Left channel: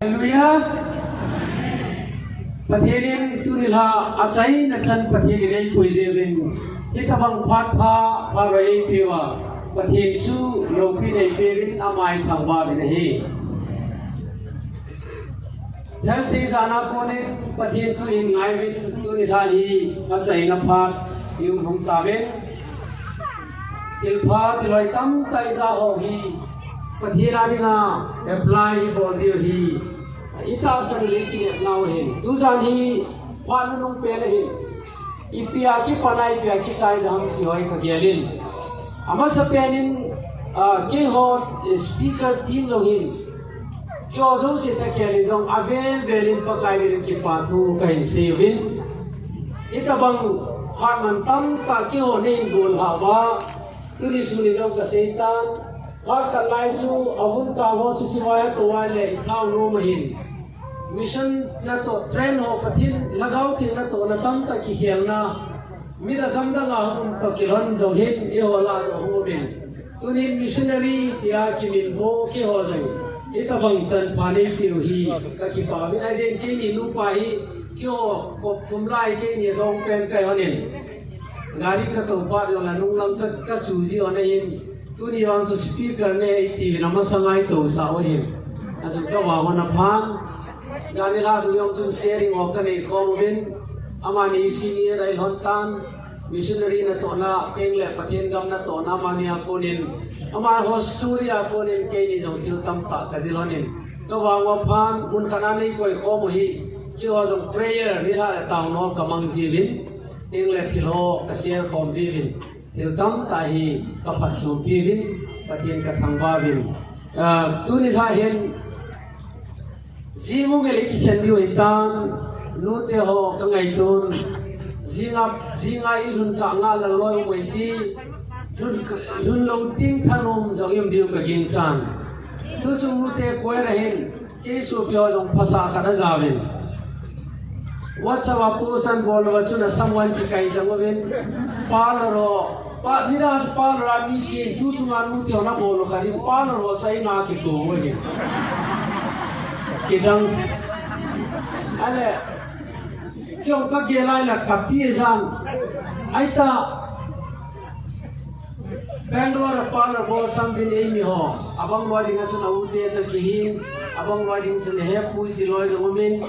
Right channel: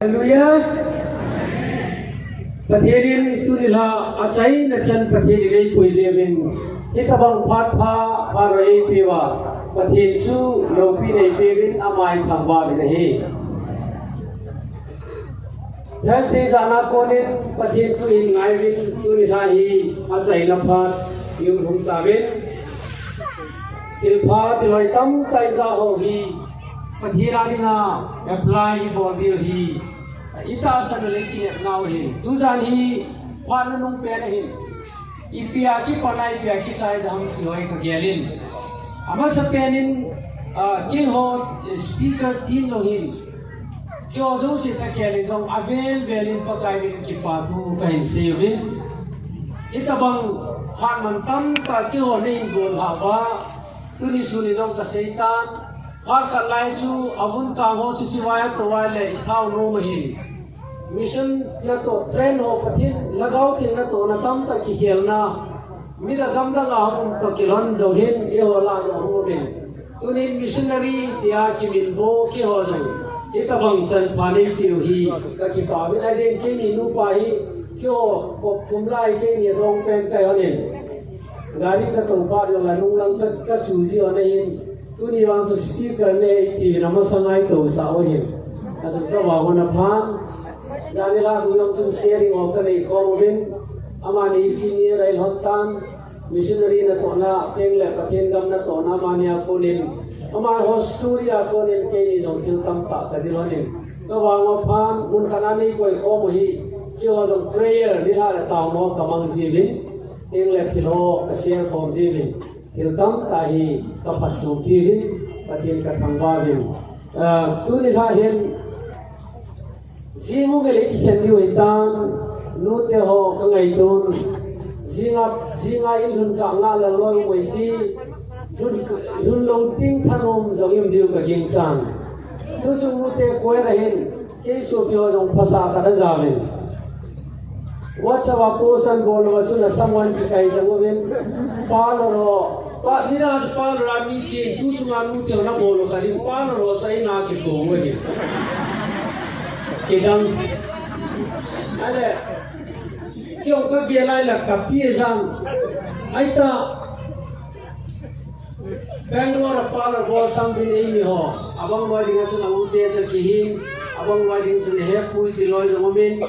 Hallelujah. Patherin tunila acai na chan patherin ay kuizevin. Kita bang patha parai pewa. Pathen su lopi ay pevin amai thamba binahi. Jas te sana konin pathen tu in ngaivin tunila hi acai na pat yung hung tabin. Tilpa tiloy tam taisa ohi. Pathirani na apply for hi. Ita sang leki now hi. Tuzan hi panunong pera hi. Ipia ki panai pia ki sai dam kioi ka gelin. Ama sa penin ke ho speaker team lo hi. Kyo zo se ta kelin jong avel velin pakai velin ki patu kain sevin. Ita bang khaman tam ka ke ho nei gol hawa. Tuni suni jong ka setan. Har kalai chu abun ka ho chu siwaya to wale thau no mahin. Mission na to train ho pathin lagaw thing na to na tam ta ki helna mira gam da ga hum to kilon do hin e wala do ho bin tunin missionary dia ki min bo ki ho jai eta bang chan pani ti hi ka ki pa bin ai ke ni nu pa hi kyo ko tumlai ke ni dong pen kai ho nin gari ka to pa do la nu lang ka chu ji ho nei tuni on to speaker ne ti na ma sangai to sa ho hin asa ka wa ho na phang Jadi lah tu yang cun sharing waktu ni kongwin, amani senior ay hontan, missionary na to na kengle patien gam na to na amani ako nin, amani hosturi ako nin kay ni jong tiltam ta kazilonin. Kawawa pan unkanani ko iko mohi, kyo jong prayer ni ha taon ho kamang jivin, kengle tilo share form jivin, tiltam tahi kapat sumpirin, patien katambavin. Tu ni ha hen Zimu gele kichen di wetan nute ho kangai tun zinga ilun ka ngala loy weiti dun loading thanom jogim diu ka ginchan tu chu nute koi rahin ke so pyo jong phasa ka da jamin WhatsApp posan bol wa chu na someone ki kai jangwin paloro pa nidas palora mi chi tu chu ngan nute na bolo ka di paloro chai na ki ko ngwe Kidang, ada, kau kabialai lah kapiezan, aita Bangalore apala botang bin ini ho, abang luar dengan sana ude sekihin, abang luar dengan sana hepui di luar dengan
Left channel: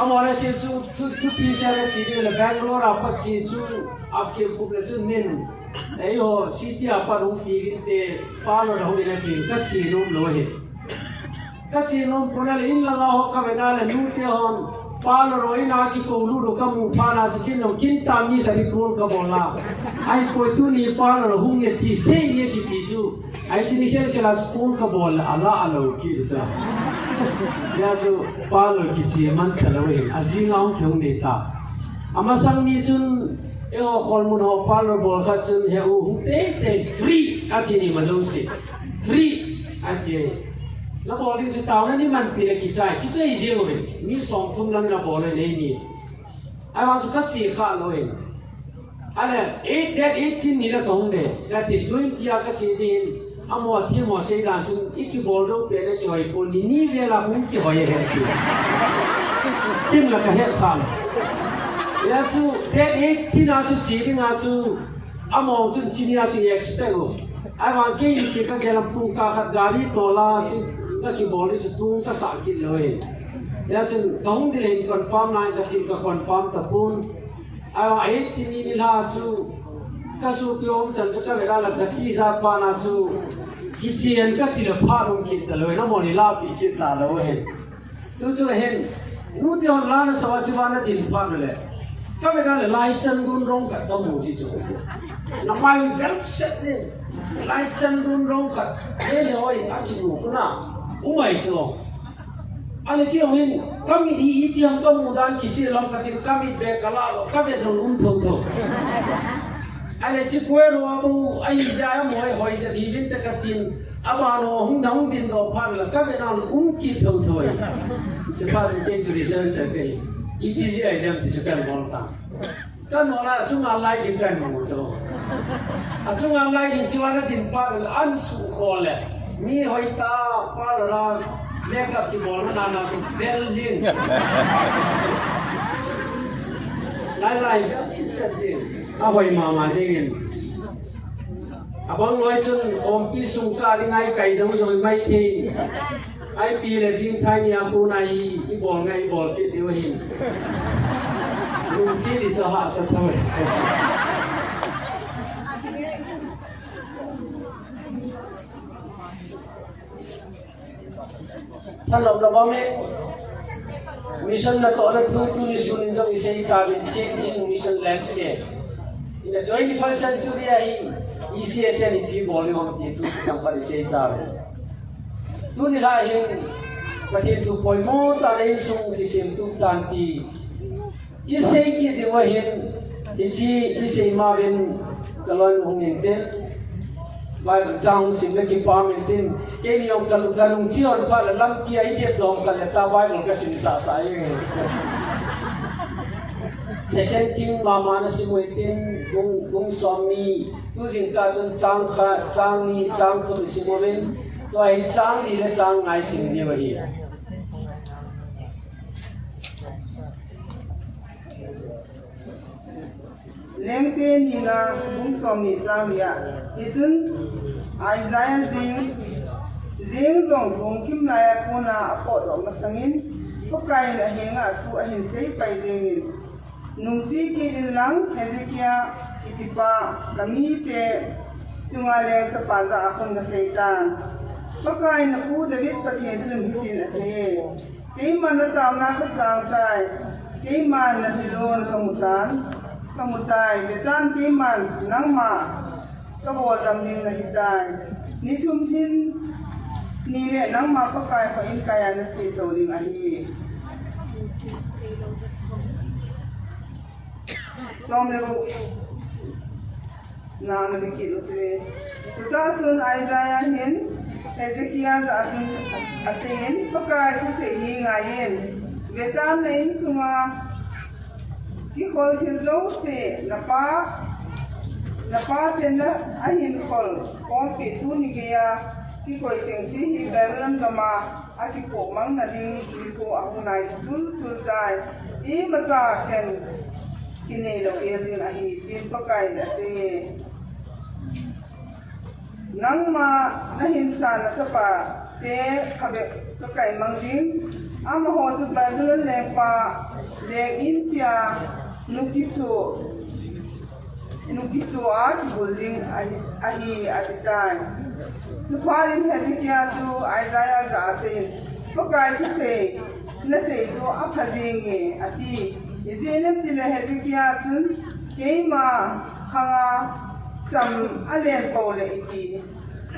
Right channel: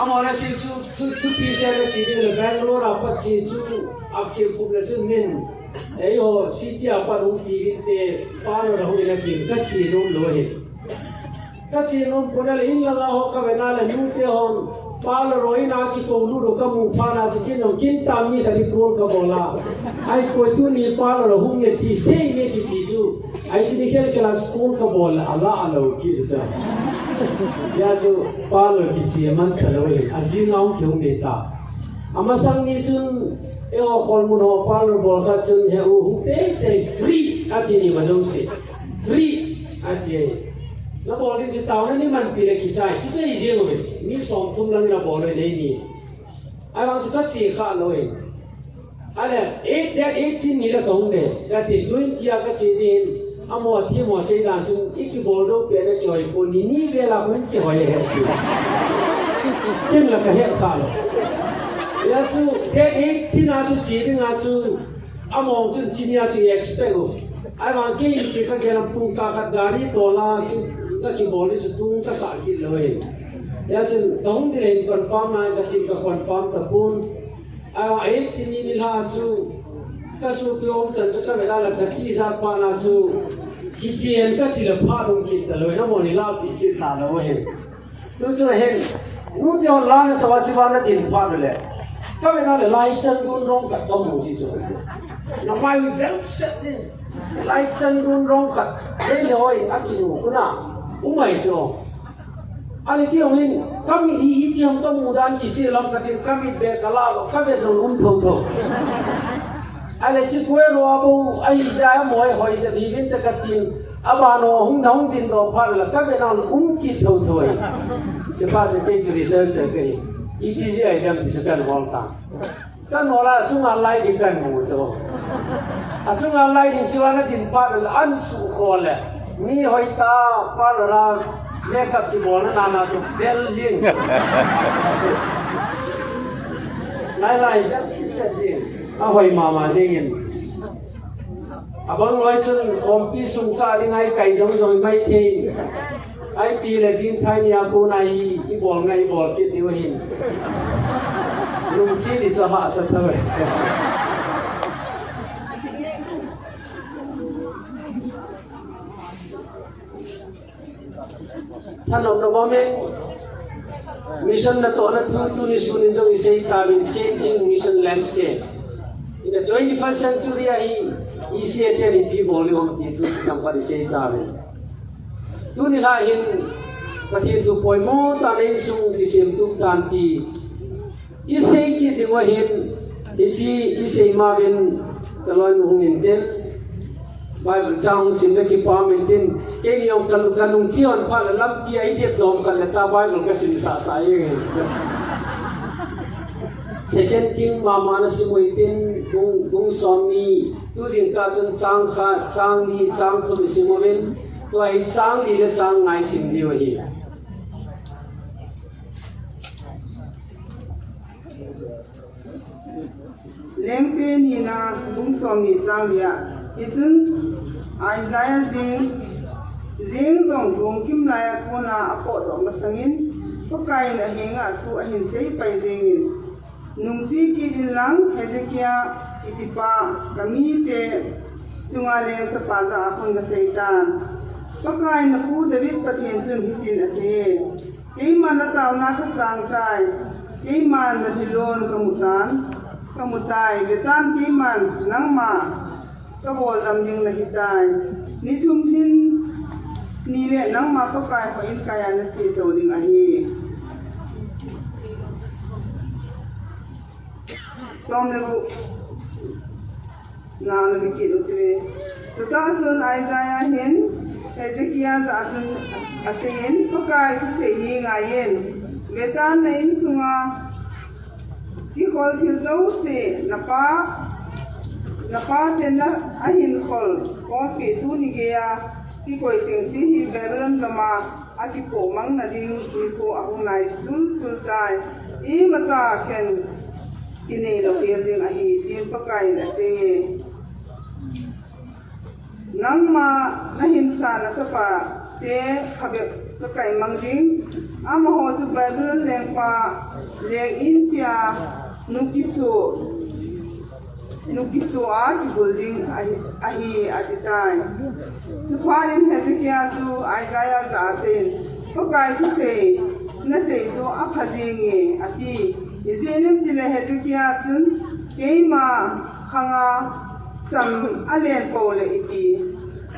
amara si tu pisah le ciri le Bangalore apa ciri tu, apke pukul tu min, ayo city apa rumpi kita pala dah hujan lagi, kacir rum lohe. Kasi nung punal in lang ako kabedala nute hon palo roin aki ko ludo kamu para sa kinong kinta mi kari ko ka bola ay ko tu ni palo hung ne ti sing ne ti tisu ay sinikel kala school ka bola ala ki sa ya so palo ki si man talawe azin ang kyong neta amasang ni chun e o kolmun ho palo bola chun he u te free aki ni madosi free akiเราบอกที่จะตาวนี่มันเป็นกิจใจที่จะอีเจียงเลยมีสองทุ่มแล้วเราบอกเลยนี่ไอ้วันสุดท้ายสี่ข้าเลยอะไร18นี่เราคงเนี่ยแต่ที่20ก็เสียดินอามัวที่มัวเสียดานจุนอีกบอกเราเป็นอะไรกี่วันคนนี่เวลาคุณกี่วันเหรอที่มันก็เห็นข้าแล้วจุด18น่าจะจีนน่าจะอามัวจุนจีนน่าจะ expect ไอ้วันที่ที่ก็แค่เราพูดการขัดการีตัวละก็คิดบอกเลยจะตู้ก็สักกินเลยแล้วจึงต้องเดินคอนฟาร์มนายก็คิดก็คอนฟาร์มตะปูนไอ้ที่นี่นี่ล่ะจูก็สู้โยมจันทร์ก็เวลาเราตะกี้ซาปานาจูกิจเย็นก็ที่เราพาลงคิดเลยน้ำมันนี่ลาปีคิดตาเลยเห็นตัวจูเห็นนู้นที่เราล้างสวัสดิวันนั้นดินพาไปเลยก็เวลาเราไล่จันกุนร้องกับต้องมูสิจูน้ำมันเยอะเสร็จนี่ไล่จันกุนร้องกับเฮ้ยเลยอากินหมูกุน่ะumai jo ale ki ongin kami di itiam kamudan kici lam katir kami be kalalo kami dong tho ale chi kwero abu ai ja moi hoi se divin te katin abano hung dong din do phar la kami na ki tho se pa de research ke iti ai jam ti sukan volta kan mola sunga lai di kan mo jo a sunga lai di chiwana din pa an su khole mi hoi ta palara makeup ki bol na na to Belgian lai ja sit a hoi mama jengin abang loi chun om pi sung ka ding ai kai jong joi mai the ai pi le jing thai ya pu nai I bol ngai bol ki ti wa hin lung chi di cho ha sa thoiท่านหลวงตาบอกเนี่ยมิชชั่นนั้นตัวนั้นทุกนิสุนิจงอิเซตาบิน changing mission landscape in the 21st century I see it in people who want to come for the same time tu ni lain kasi tu poi mo ta rin sung isim tu tanti isay ki diwahin isay mabin talon hungin din Bible jang sim na ki pamentin kini yung kanung chion pa lam ki ai tiep dom kan ta Bible ka sim sa sayeng Second King mama na simuitin kung somi tu jing ka chun chang ni chang tu simuin tu ai chang ni le chang ngai sim di wa hi leng pe ni na kung somi chang ya Itun Isaiah zing zong gong kim laya kona apot ro masangin pakai na henga tu ahin sei pai zingin nungsi ki ilang Hezekiah itipa kami te tungale ka paga akong ga seitan pakai na ku David patien chun hitin ase kei man na taw na ka sang tai kei man na hilon kamutai betan kei man nang ma Kabol ang niyong nagitay. Nitumhin nile nang mapakay pa in kaya na sito ding ahi. Somero na nagikilo kre. Tutasun Isaiah hin Hezekiah sa ating asin pakay sa hingayin. Betan na insunga kikol kildo si Napa tenda ahin kol kong pitu ni gaya ki koi singsi hi berulan lama aki ko mang na ding ko ang nai tul dai I masa ken kini lo pierding ahi tin pakai na te nang ma nahin sa na sapa te kabe pakai mang ding ama ho su berulan leng pa leng in pia nukiso at building ahi atitan. Sufarin Hezekiah tu Isaiah sa atin. Pagkal kasi na sa ito akalingi ati. Isinip nila Hezekiah sun kay ma kanga sam alien po na iti.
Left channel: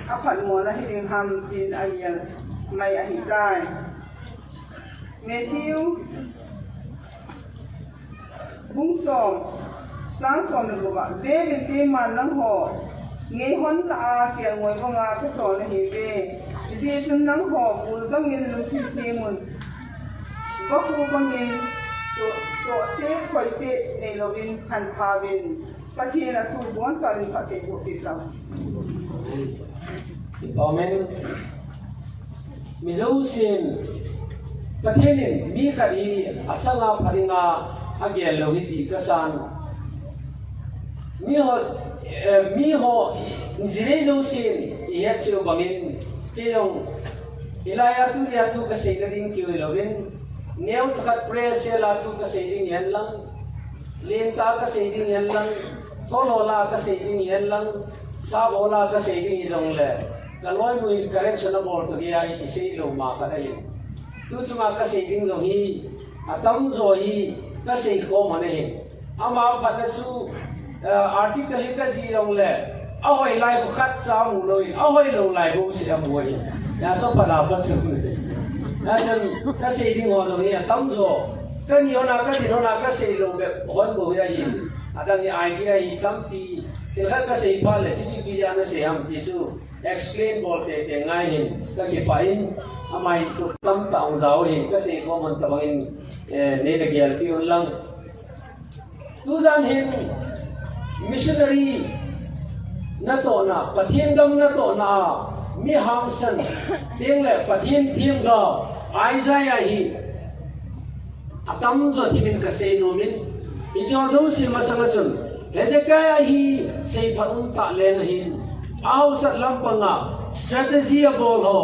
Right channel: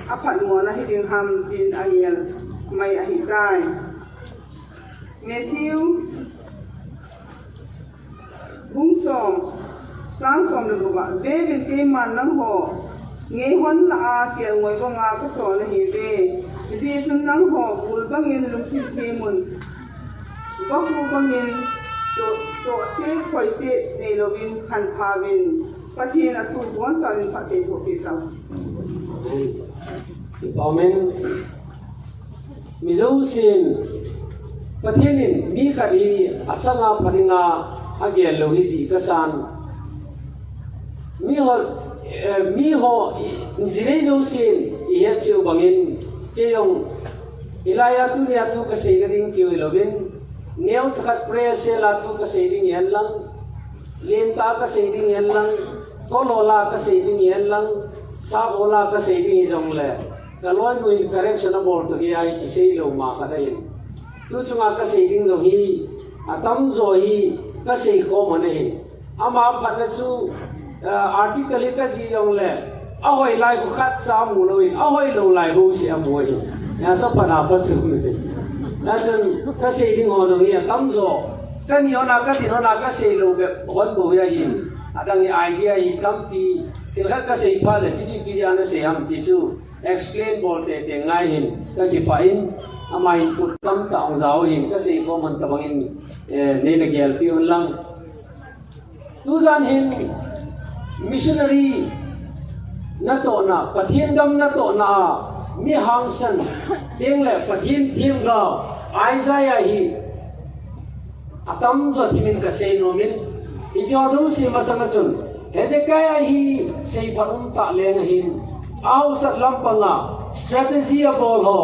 Apat mo na hiling hamtin ayang may ahitan. Matthew Bungsong Sang som lu ba be bin ke man nang ho ngei hon la ke ngoi ko nga ko so na hi be isi sun nang ho ul bang in lu si mun ba ku bang in to se khoi se nei lo bin kan pha bin pa thi na tu bon ta rin pa te ho pi sa Amen mizo sin pathenin mi khari achanga pharinga agel lo hi ti kasan mi ho zirei zo sin iya chiu bangin ke yong ilaya tu nia tu ka seiring ki lovin neu thakat pre se la tu ka seiring yan lang len ta ka seiring yan lang tolola ka seiring yan lang sa bola ka seiring jong le kalon mu correction abor to di ai ki sei lo ma ka dai tu chunga ka seiring lo hi atam zo hi ka sei ko mane ama patachu article ka ji long le ahoi lai ko khat cha mu noi ahoi lo lai bo se amoi ya cho pada pa chu ni na chen ka sei ding ho jong ya tam zo ka ni ona ka din ona ka sei lo be hon bo ya yi adang ni idea yi kam ti te la ka sei pa le chi ki ja na se ham ti chu explain bol te ngai hin ka ki pa in amai tu tam ta ong zao hin ka sei ko man ta bangin ne le gel ti on lang tu zan hin missionary na to na pathian dam na to na mi hang san tiếng lệ pathin thiên gao Isaiah hi atam zo thimin ka sei no min ijo zo si masanga chun Hezekiah hi sei panung ta len hin au sat lam panga strategy bol ho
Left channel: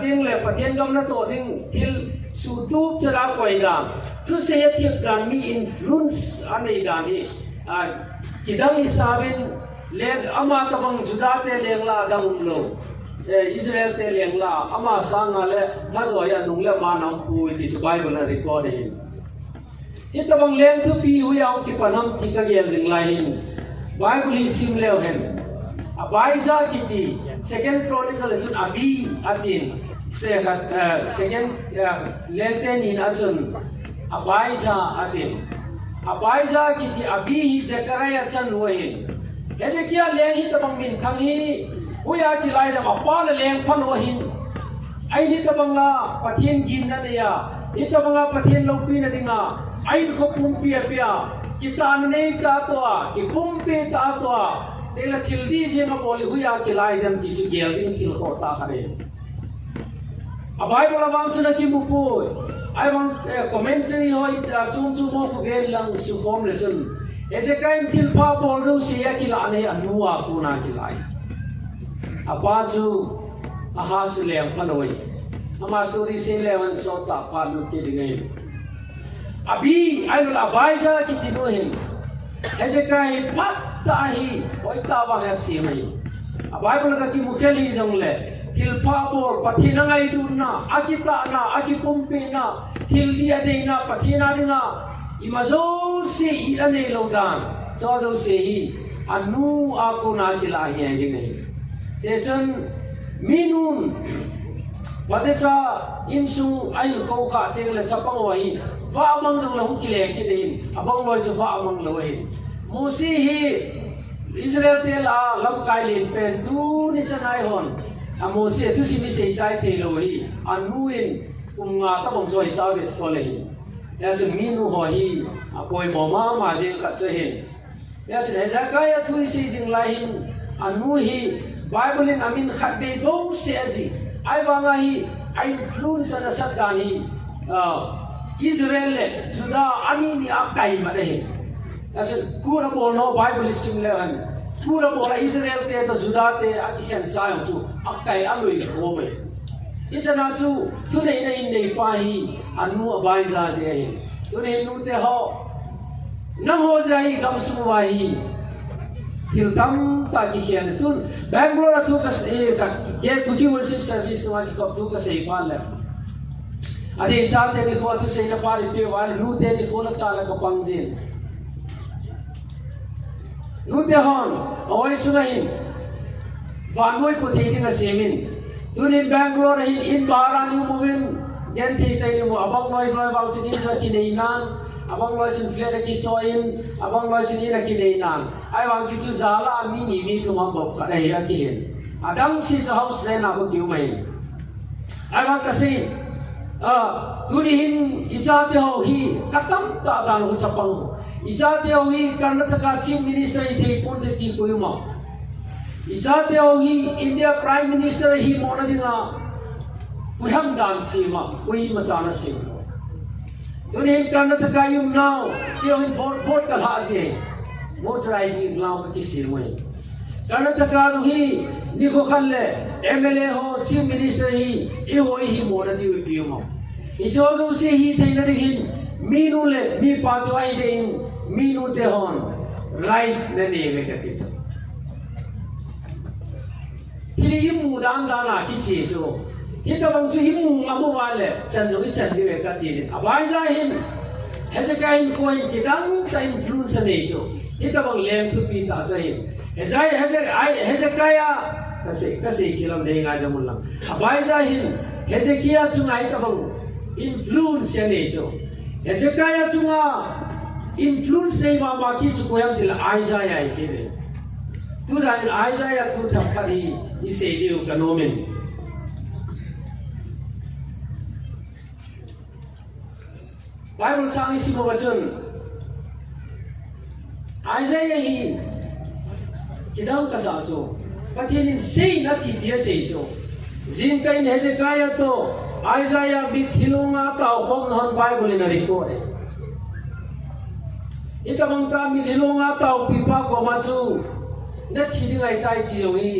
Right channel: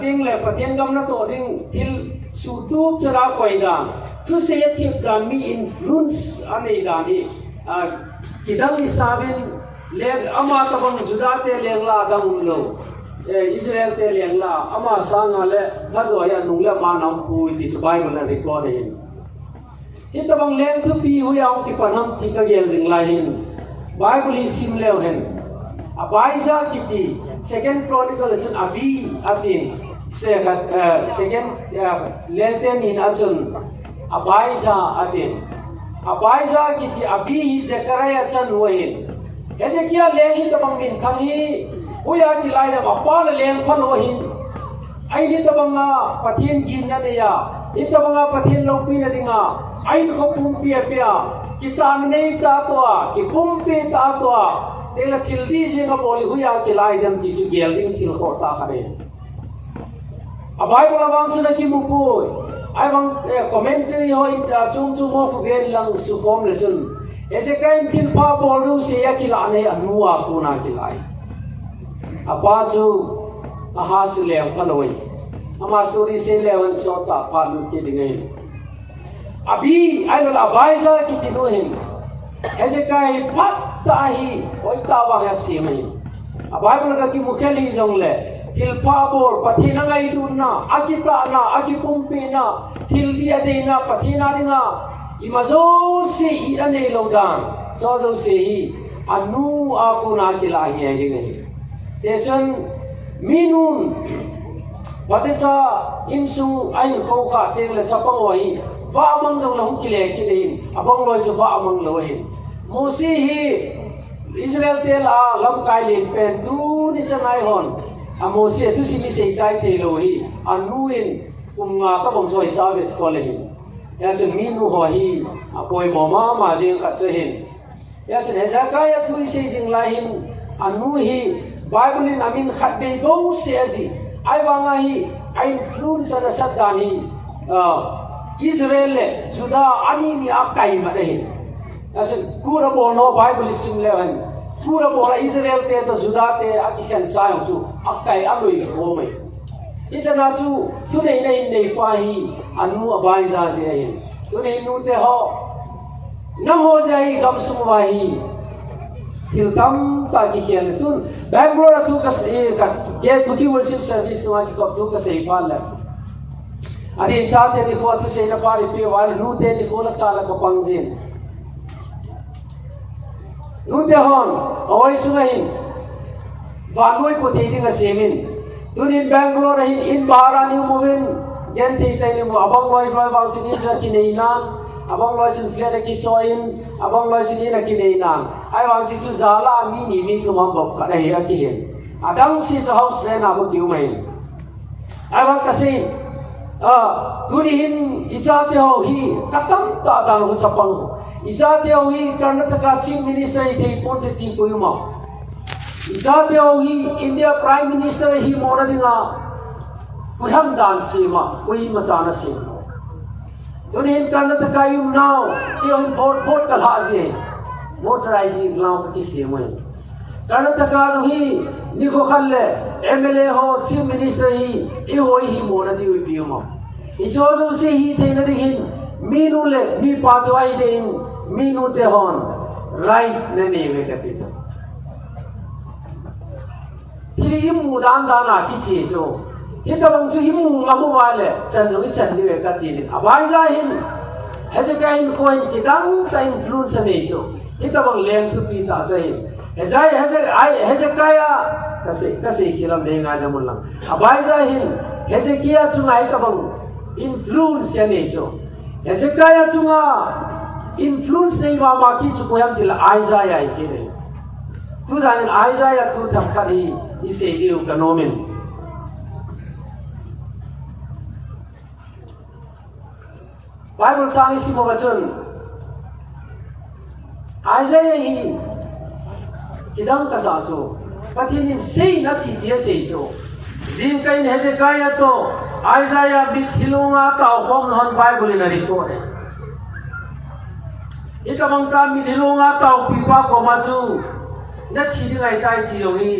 tiếng lệ pathin gam na to ding til su tu chara koidang tu se ya tip dan mi influence anei dan hi kidang isabin le ama ka bang judate lengla dang lo Israel te lengla ama sanga le nazo ya nungla ma nam pu ti Bible na record hin ita bang leng tu pi hu yang ki panam ti ka gen ring lai hin Bible sim leo hen abaisa kiti second chronicle chun abi atin second lenten in achun abaisa atin abaisa kiti abi Zechariah chan wahin Hezekiah leng hi tabang min thang hi uya ki lai da pa la leng khon ho hin ai ni tabang na pathin gin na ya ni tabang na pathin lo pi na dinga ai ko pum pi pia ki tan nei ta to ki pum pi ta to te la thil di je ma boli uya ki lai dam ti su gel ding thil ko ta khare abai bola wang chuna ki mu pu ai wang commentary ho chung chung mo ku gel lang su kom le chun Hezekiah til pa bol ru se ya ki la ne anuwa ku na ki lai apa chu aha su lem khanoi ama suri se lewan so ta pa nu ti dingai abi ai wal abaisa ki ti no hin Hezekiah pat ta hi oi ta wa ya se mai abai bol ka ki mukheli jong le til pa bol pathina ngai du na akita na akikumpi na til dia de na pathina ringa imazo se i ane longdang so se hi anu aku na ki la hi ai nei Jason minun wadecha insu ai ko ka teng la chapang wai wa amang jong la hukile ki nei abang loi chu wa amang loi mosi hi Israel te la lam kai len pen tu ni sanai hon amosi tu si mi sei chai te loi anuin nga ka bong joi ta bet ko le ya chen minu ho hi apoi mama ma jeng ka che hin ya chen Hezekiah tu sei jing la hin anu hi Bible in amin khat be go sezi ai wanga hi ai influence na sadani Israel le juda ani ni akai ma de asen pura bono Bible sim le han pura bola Israel te to juda te akikhan sai chu akai aloi ko me isana chu chu nei pa hi anu abai za se ai tu nei nu te ho nang ho jai gam sum wa hi til tam ta ki khian tun Bangalore tu ka se ka ye kuki worship service wa ki ko tu ka se fa la adi cha te ki ko tu se na pa ri pe wa lu te ni ko la ta la ko pang jin lu te hon oi su hin wa noi ko te ding a se min tun in Bangalore in bahara ni movin gen te te ni mo abang loi wa sin sa ki nei nan abang loi sin fia ki choin abang loi sin na ki nei nan ai wang chi chu zala mi ni mi tu mam bok ka dai ati adang si sa house le na ko kiu mai ai wang ka sin tu ni hin icha te ho hi katam ta dang ho chapang icha te ho hi Karnataka chief minister i te pon te ti ko yuma icha te ho hi India prime minister hi mona dinga puham dan si ma koi ma chana si Tunin Karnataka yum now, yung vote ka lahat niya. Voter ID lang kasi mo. Karnataka hi ni ko kalle MLA ho chief minister hi ihoi hi mo na diu piu mo. Icho se hi te na dihin minu le mi patwai de minu te hon right na ne ve ka pisa. Tili yum mudan dana ki chejo. Ita bang chu himu ngamu wale chan jong chan ni ka ti abai ja hin Hezekiah ko idang sa influence ne jo ita bang lem tu pi ta chai Hezekiah kasi kilam de nga jamul lang abai ja hin Hezekiah chu ngai ta bang influence ne jo Hezekiah chu nga influence nei wa ma ki chu ko yam til Isaiah ki ne tu dan Isaiah tu thap ka hi ise liu ka nomen Bible sang isi mo bacun Isaiah hi kidang kasacho pathianin sei na thi thia sei cho jin kain Hezekiah to Isaiah bit thilunga tau khom hon Bible in ari ko ita bang kami thilunga tau pipa ko ma chu na thi dingai tai ti lo hi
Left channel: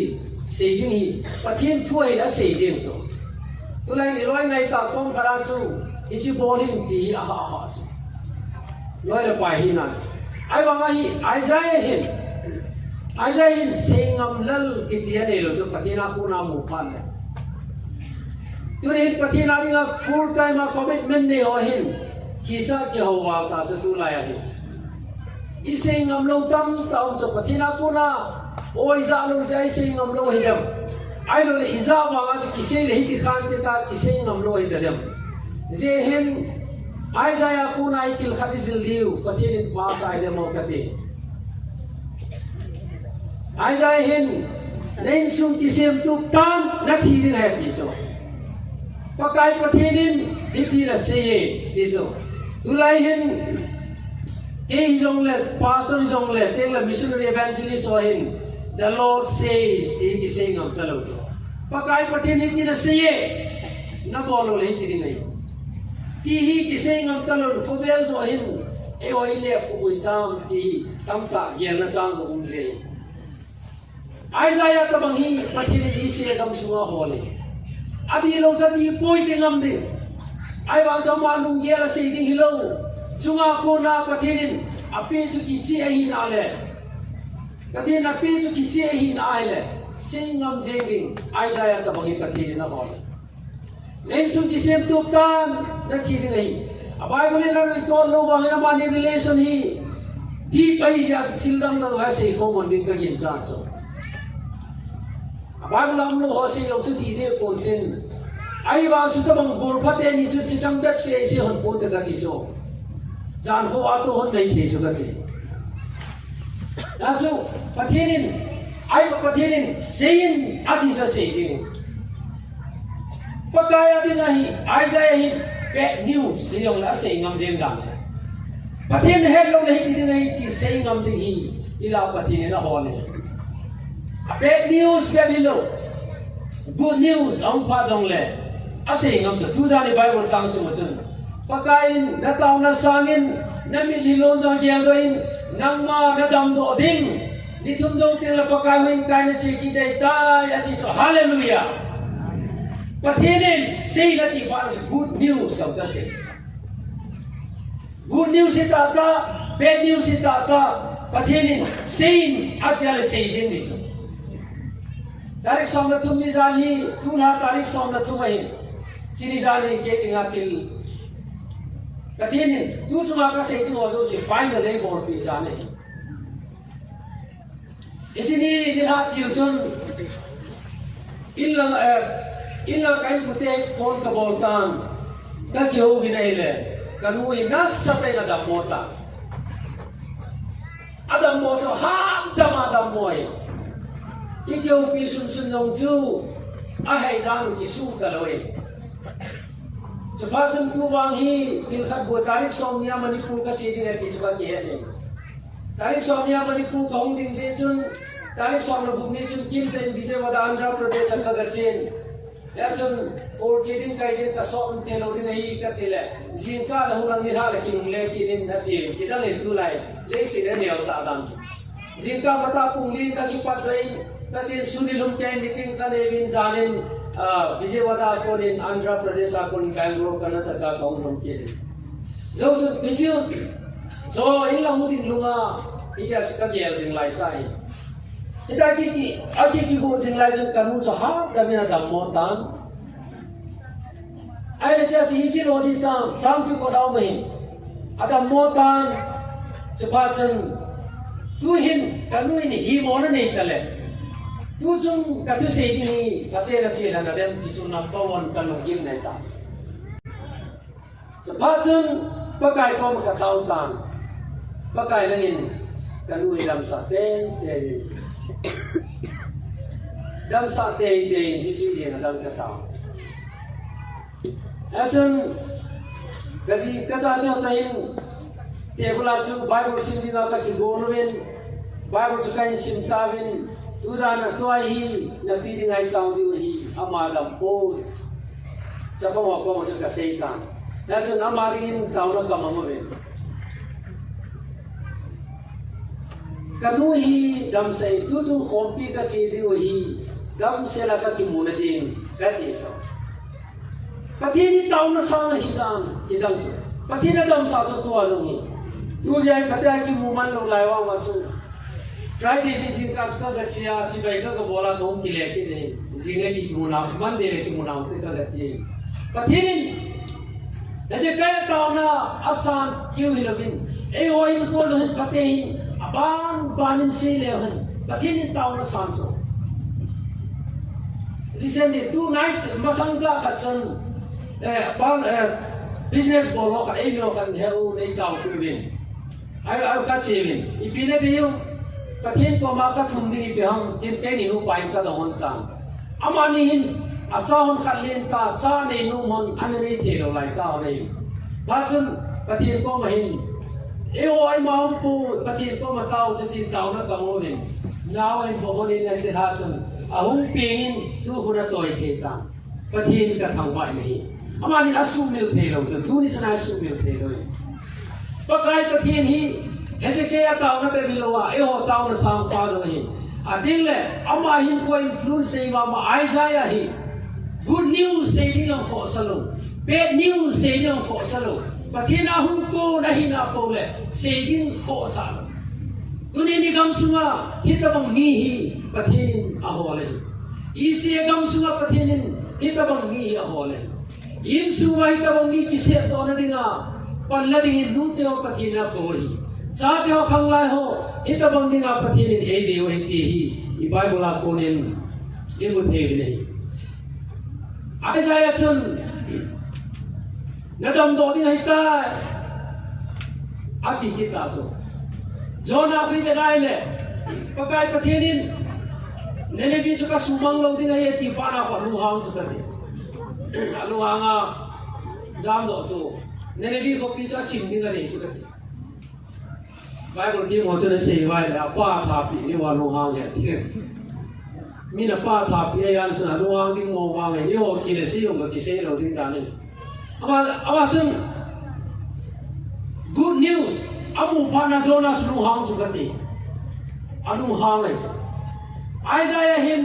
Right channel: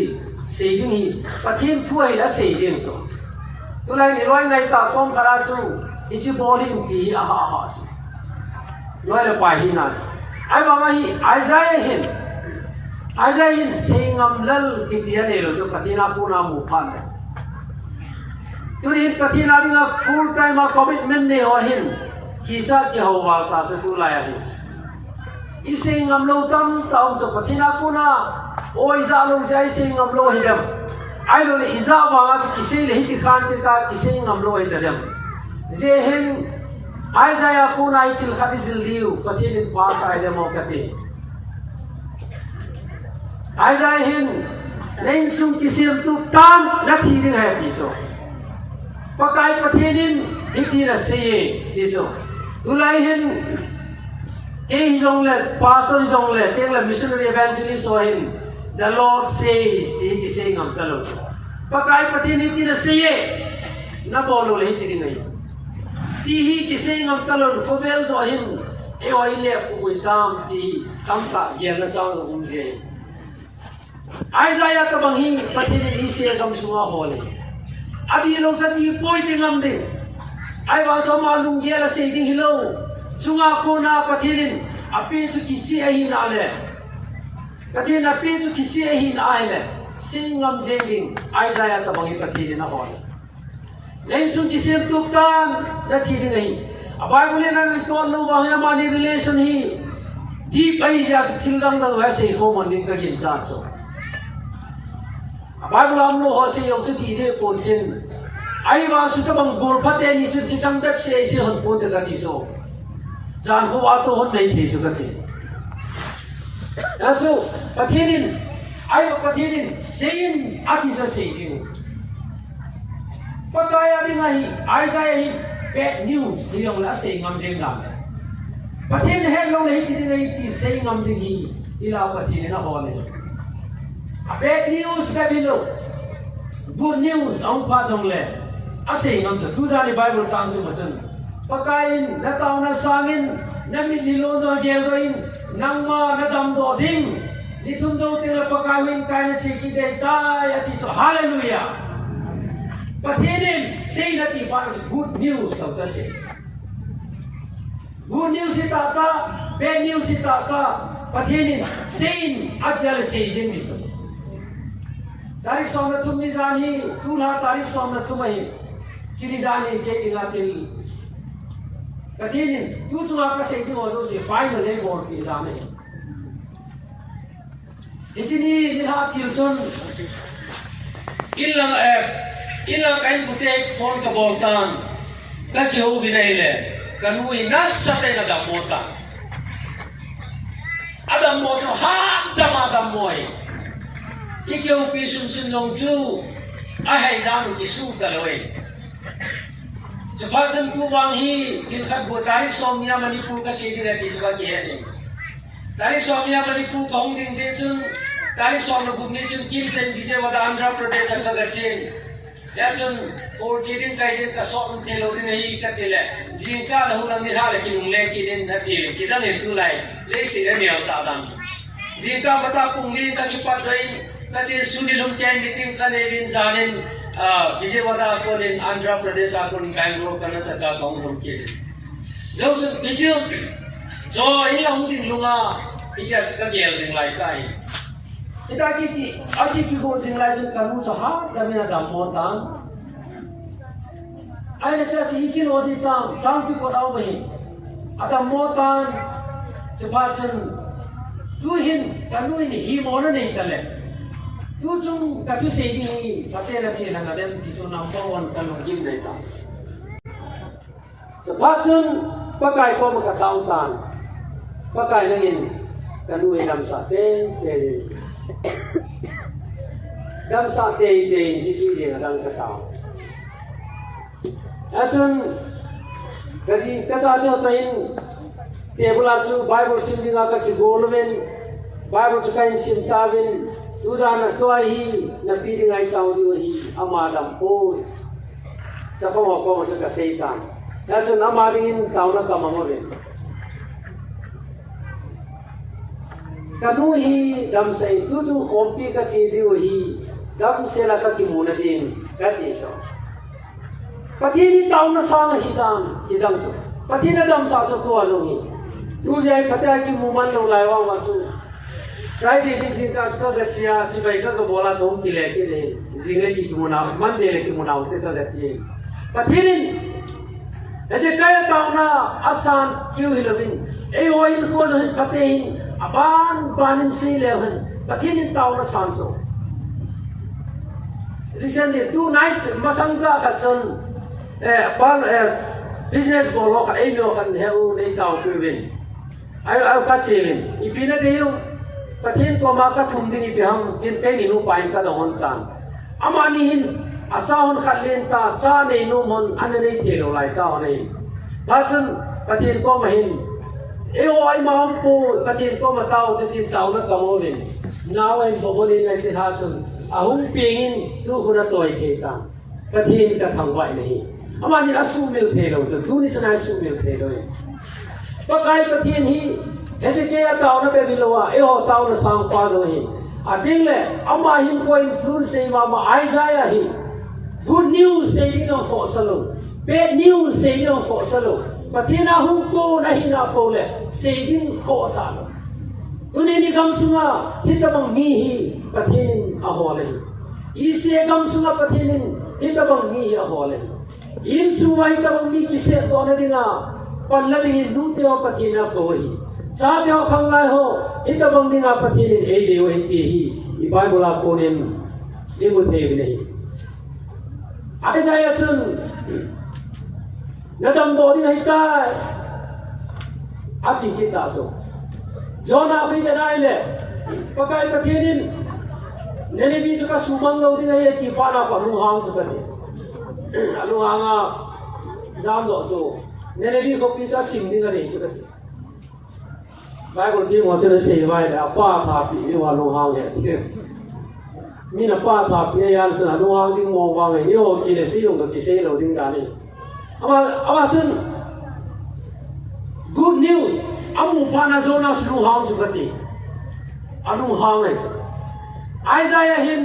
sei ding hi pathian thuai la sei ding cho tu lai ni loi ngai ta kom khara chu ichi bowling ti a ha chu loi le pai hi na ai ba ma hi Isaiah hin sei ngam lal ki ti ne lo chu pathina ku na mu phan Turin pathina dinga full time commitment ne ho hin ki cha ki ho wa ta chu tu lai hi ising ngam lo tam taum cho pathina ku na oi za lo jai sing ngam lo hi dam ai lo le iza wa chu ki sei le hi ki khan te ta ki sei ngam lo hi dam je hin Isaiah ku na ikil khadizil liu pathin pa sai de mo kate Isaiah hin reng sung ki sim tu tam na thi ding hai pi cho pakai pathinin dikhi na sei di cho tulai hin ke jong le pastor jong le teng la missionary evangelist ho hin the Lord says ki sei ngam talo pakai pathinin ti na sei na bolo le ti ding ai ti hi ki sei ngam talo ko bel zo hin e oi le pu tam ti tam ta yen na sang ko um je Isaiah ka bang hi pathinin hi se kam sunga ho le Adi lo sa di poi tingam de ai wang cho ma lung ye la sei ding hilo chunga ko na pathinin ape chu ki chi ai na le kadin ape chu ki chi ai na ai le singam jenging Isaiah ta bangi pathinin na hol len su ki sem tuk tam na thi ding ai abai bole na ko lo wang na ma ni relation hi deep ai ja thildang na wa sei ko mon ding ka yin cha cho Bible am lo ho se yo chu di de ko tin ai wa chu ta bang bor phat ni chu chi chang bep se se hon ko de ka ti cho jan ho wa to hon nei the chu ka ti da chu pathinin ai ko pathinin sein ati sa sei ding pakaya ding ai Isaiah hi bad news se yo la sei ngam jeng dam pathin he lo nei ti nei ti sei ngam ti hi ila pathin na ho ne bad news le bilo good news ang pa jong le ase ngam cha tu ja ni Bible chang su ma chen pakain na taw na sangin na mi lilon jong gel doin nang ma na dam do ding ni thum jo te la pakain kai na che ki de ta ya ti so hallelujah pathinin say na ti pa good news of just say good news ita ka bad news ita ka pathinin say at ya say jin ni Tarik som na tum ni zani tuna tarik som na tumai sini zani ke ingatil katini tu chunga ka setting ojo si final e bor pi zani isini ni ha kilchun ilang kain bute phone ka boltan ka ki ho binaile kanui nas sa pe na da mota adam mo ha adam moi Ikyo pisum sun yong chu ahai dang ki su da loi Jabatan tu wang hi tin khat bo tarik somya Manipur ka chedi ra ti ba ki he tarik somya Manipur ka hong ding je chun tarik som na gumni chun kim ten Vijayawada Andhra Pradesh ka ga chen ya chun or chedin kai je ka som te lo din hi ka tele jinka da hu nang ni ha le ki nung le ki den na ti ki da le tu lai le si da ne ta dam jinka mata pung li ka ki pat dai Kasi sunilum kaya meeting ka nevin zanin Vijayawada ako din Andhra Pradesh ako din Bangalore Karnataka kaung kaya. So bijil so ilang din lunga iya sa kagel jing lai kai. Ita kiti ati ki go jing lai sa kanu sa ha kami na damotan. Ay sa si ikin odi tam chang pi ko daw mai. Ada motan cepacan tuhin kanu ini himona nei tale. Tu chung katu sei ni patela chela na dem ti chung number 1 kanong gim nai ta so patun pakai ko ka tautan pakai langin kanu dam sa te dam sa te ji ji de na dang ka ta achun kaji ka cha le tain te bula chu Bible sim dinga ka ki golwen Bible chu kain sim ta win tu sana tu hi na pi ding ai tau di hi ama dam po cha ko sa ka seitan ya sa nama ding tau na ka mo ve kanu hi dam sai tu chu khompi ka chi di hi dam se la ka ki mu na din ka ti so pati ni tau na sa hi dang chu pati na dam sa chu tu a lo hi tu jai pata ki mu man lo lai wa chu cái gì thì xin các số vật chia chỉ vậy các cái bộ là cũng kỹ lệ cái này riêng cái kỹ môn nào vấn đề là kỹ môn nào thế sao đấy thì và thế nên là chỉ cái tao na asan kêu hi lovin ai oi nó có rồi cái thế ban si lệ hơn và thế nên tao na san cho recently two night masangka ka chân business bộ lo ka ai nó kan heo nei tao tu vin ai ka chevin ipina deu Katin ko maka thumding ipiham kinte ni nu pain ka dahon tan amani hin achahon khalin ta cha nei nu mon anei thelo lai ka nei bachun katin ko mahin oi maam pu katin ko matau katin chau na kamo rin nawai boboli na chi ha chun ahung pingin tu hura toy the ta katin ka thangwai nei amani asu mil thelo chun tu ni sana asu mil thelo pakai katin hi ऐसे क्या ताऊ ने भी लोगा ये हो ताऊ ने शाम पास हो ही अतिले अम्मा ही को इन्फ्लुएंस से मामा आई जाया ही गुड न्यूज़ से ही ना फॉसलो बैड न्यूज़ से ही ना फॉसलो पतिना हम को नहीं ना बोले से ही फॉसलो तूने निगम सुना ही तब मी ही पतिन अहोले इसे गम सुना पतिन ही तब मी ही अहोले इन सुना ही तब मी किसे तो न दिना पल्लवी दूते हो पतिना कोई चाहते हो खंगाई हो इतना बंदिंग आप पति ने ए देव हिंदी ही ये बाइबल आपको ने ये मुझे भी नहीं आगे जाए चुन नदम दो दिन हिता आती किता जो ना भी बेराई ले पकाई पति ने नेले भी चुका सुमंग लो दिन ये तीपाना पर लुहांग चुका ने लुहांगा जाम दो जो नेले भी को पीछा चिंदी करे चुका Bibleที่หมอจะเสียไว้แล้วป้าทาปีที่ว่าลงหางเนี่ยที่มีน่ะป้าทาปียามสนะลงหางที่มองวางเนี่ยโยกิเลสยงกับกิเลสเราดิ้งกันนี่เอามาจน good news อามุปานาโจนาสลงหางสุกติอาลงหางเลยไอ้ใจเห็น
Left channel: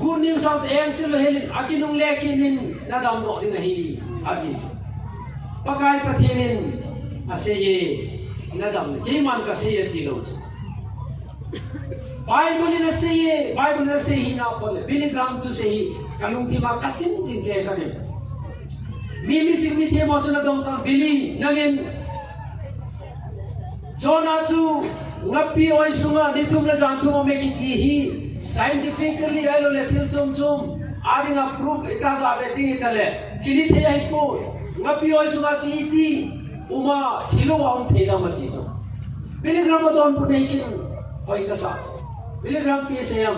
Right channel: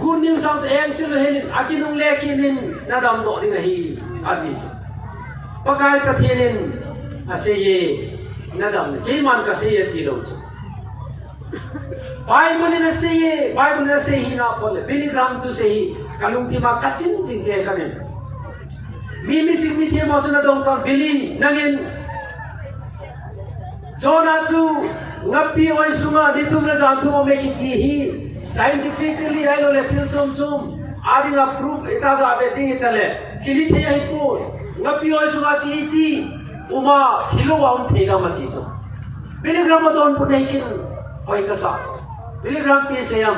good news เอาเองสิเราเห็นอากินุงเล็กินินนาดำโตดิ้งเลยอาทิตย์ปะกายกระเทียนอาเซียnadam ke man ka se ye tilo bible ne se hi na pole Billy Graham tu se hi kalung ti ma kachin chin ke kanen mi ching mi the mo chuna dong ka Billy nangin jona chu ngapi oi sunga ni tum la jam thu me ki hi scientifically ai lo le til chum adinga proof eta da be ti tale chili the ai ko ngapi oi sunga chi ti uma thilo wa the ga mati jo Billy Graham don pu nei kin oi ka sa Billy Graham pi se yam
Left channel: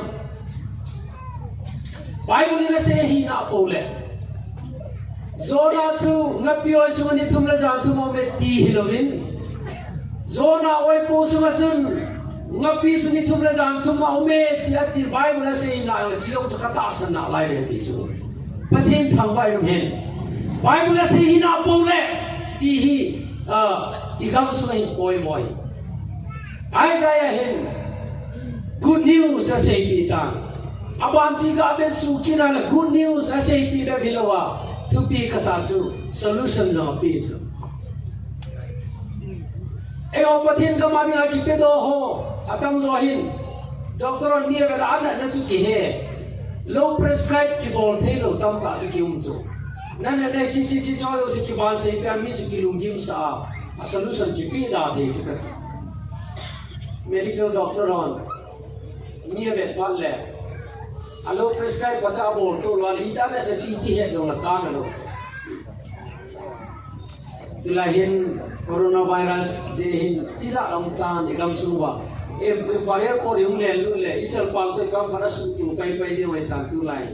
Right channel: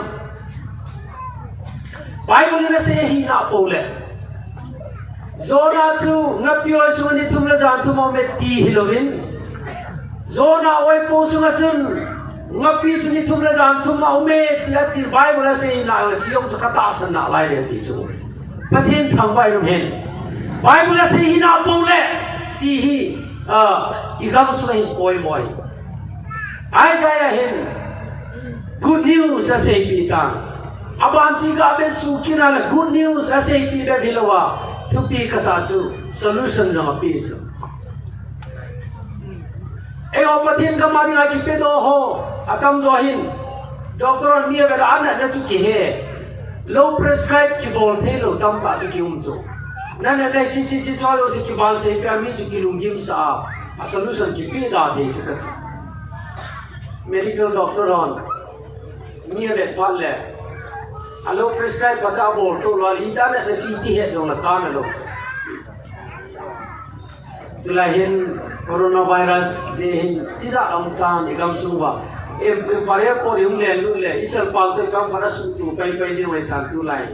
Bible ne se hi na pole zona chu ngapi oi su ni thum la jan thu mo me ti hilovin zona oi po su nga chun ngapi chu ni thum la jan thu ma me la ti Bible ne se hi na chi ong chu ka ta san na lai le ti chu pathin thang bai rum hen Bible ne se hi na pole ti hi igam sunai boy boy Isaiah hin good news ase pitang aban chi ga be su kina la good news ase pi da bilawa tu pi ka sa chu solution na pi chu e o patin ka mari ha ki pe do ho atam zo hin doctor mi ga da na na chu ki he low prescribe ki bol the lo tam ka chu ki chu nana dai chi cho yo si ki bal se ka mi chu ki lung gim sa a solution ki pi da de chu medical doctor on ni be pal le alo prescribe bata bol to lo li ta na chi ti he dong la ka na lo tulahin coronavirus je hin ti za am kan igam su ba e fire ko yum le lu le isal pal te kam para su tu pai je wai tan tu lai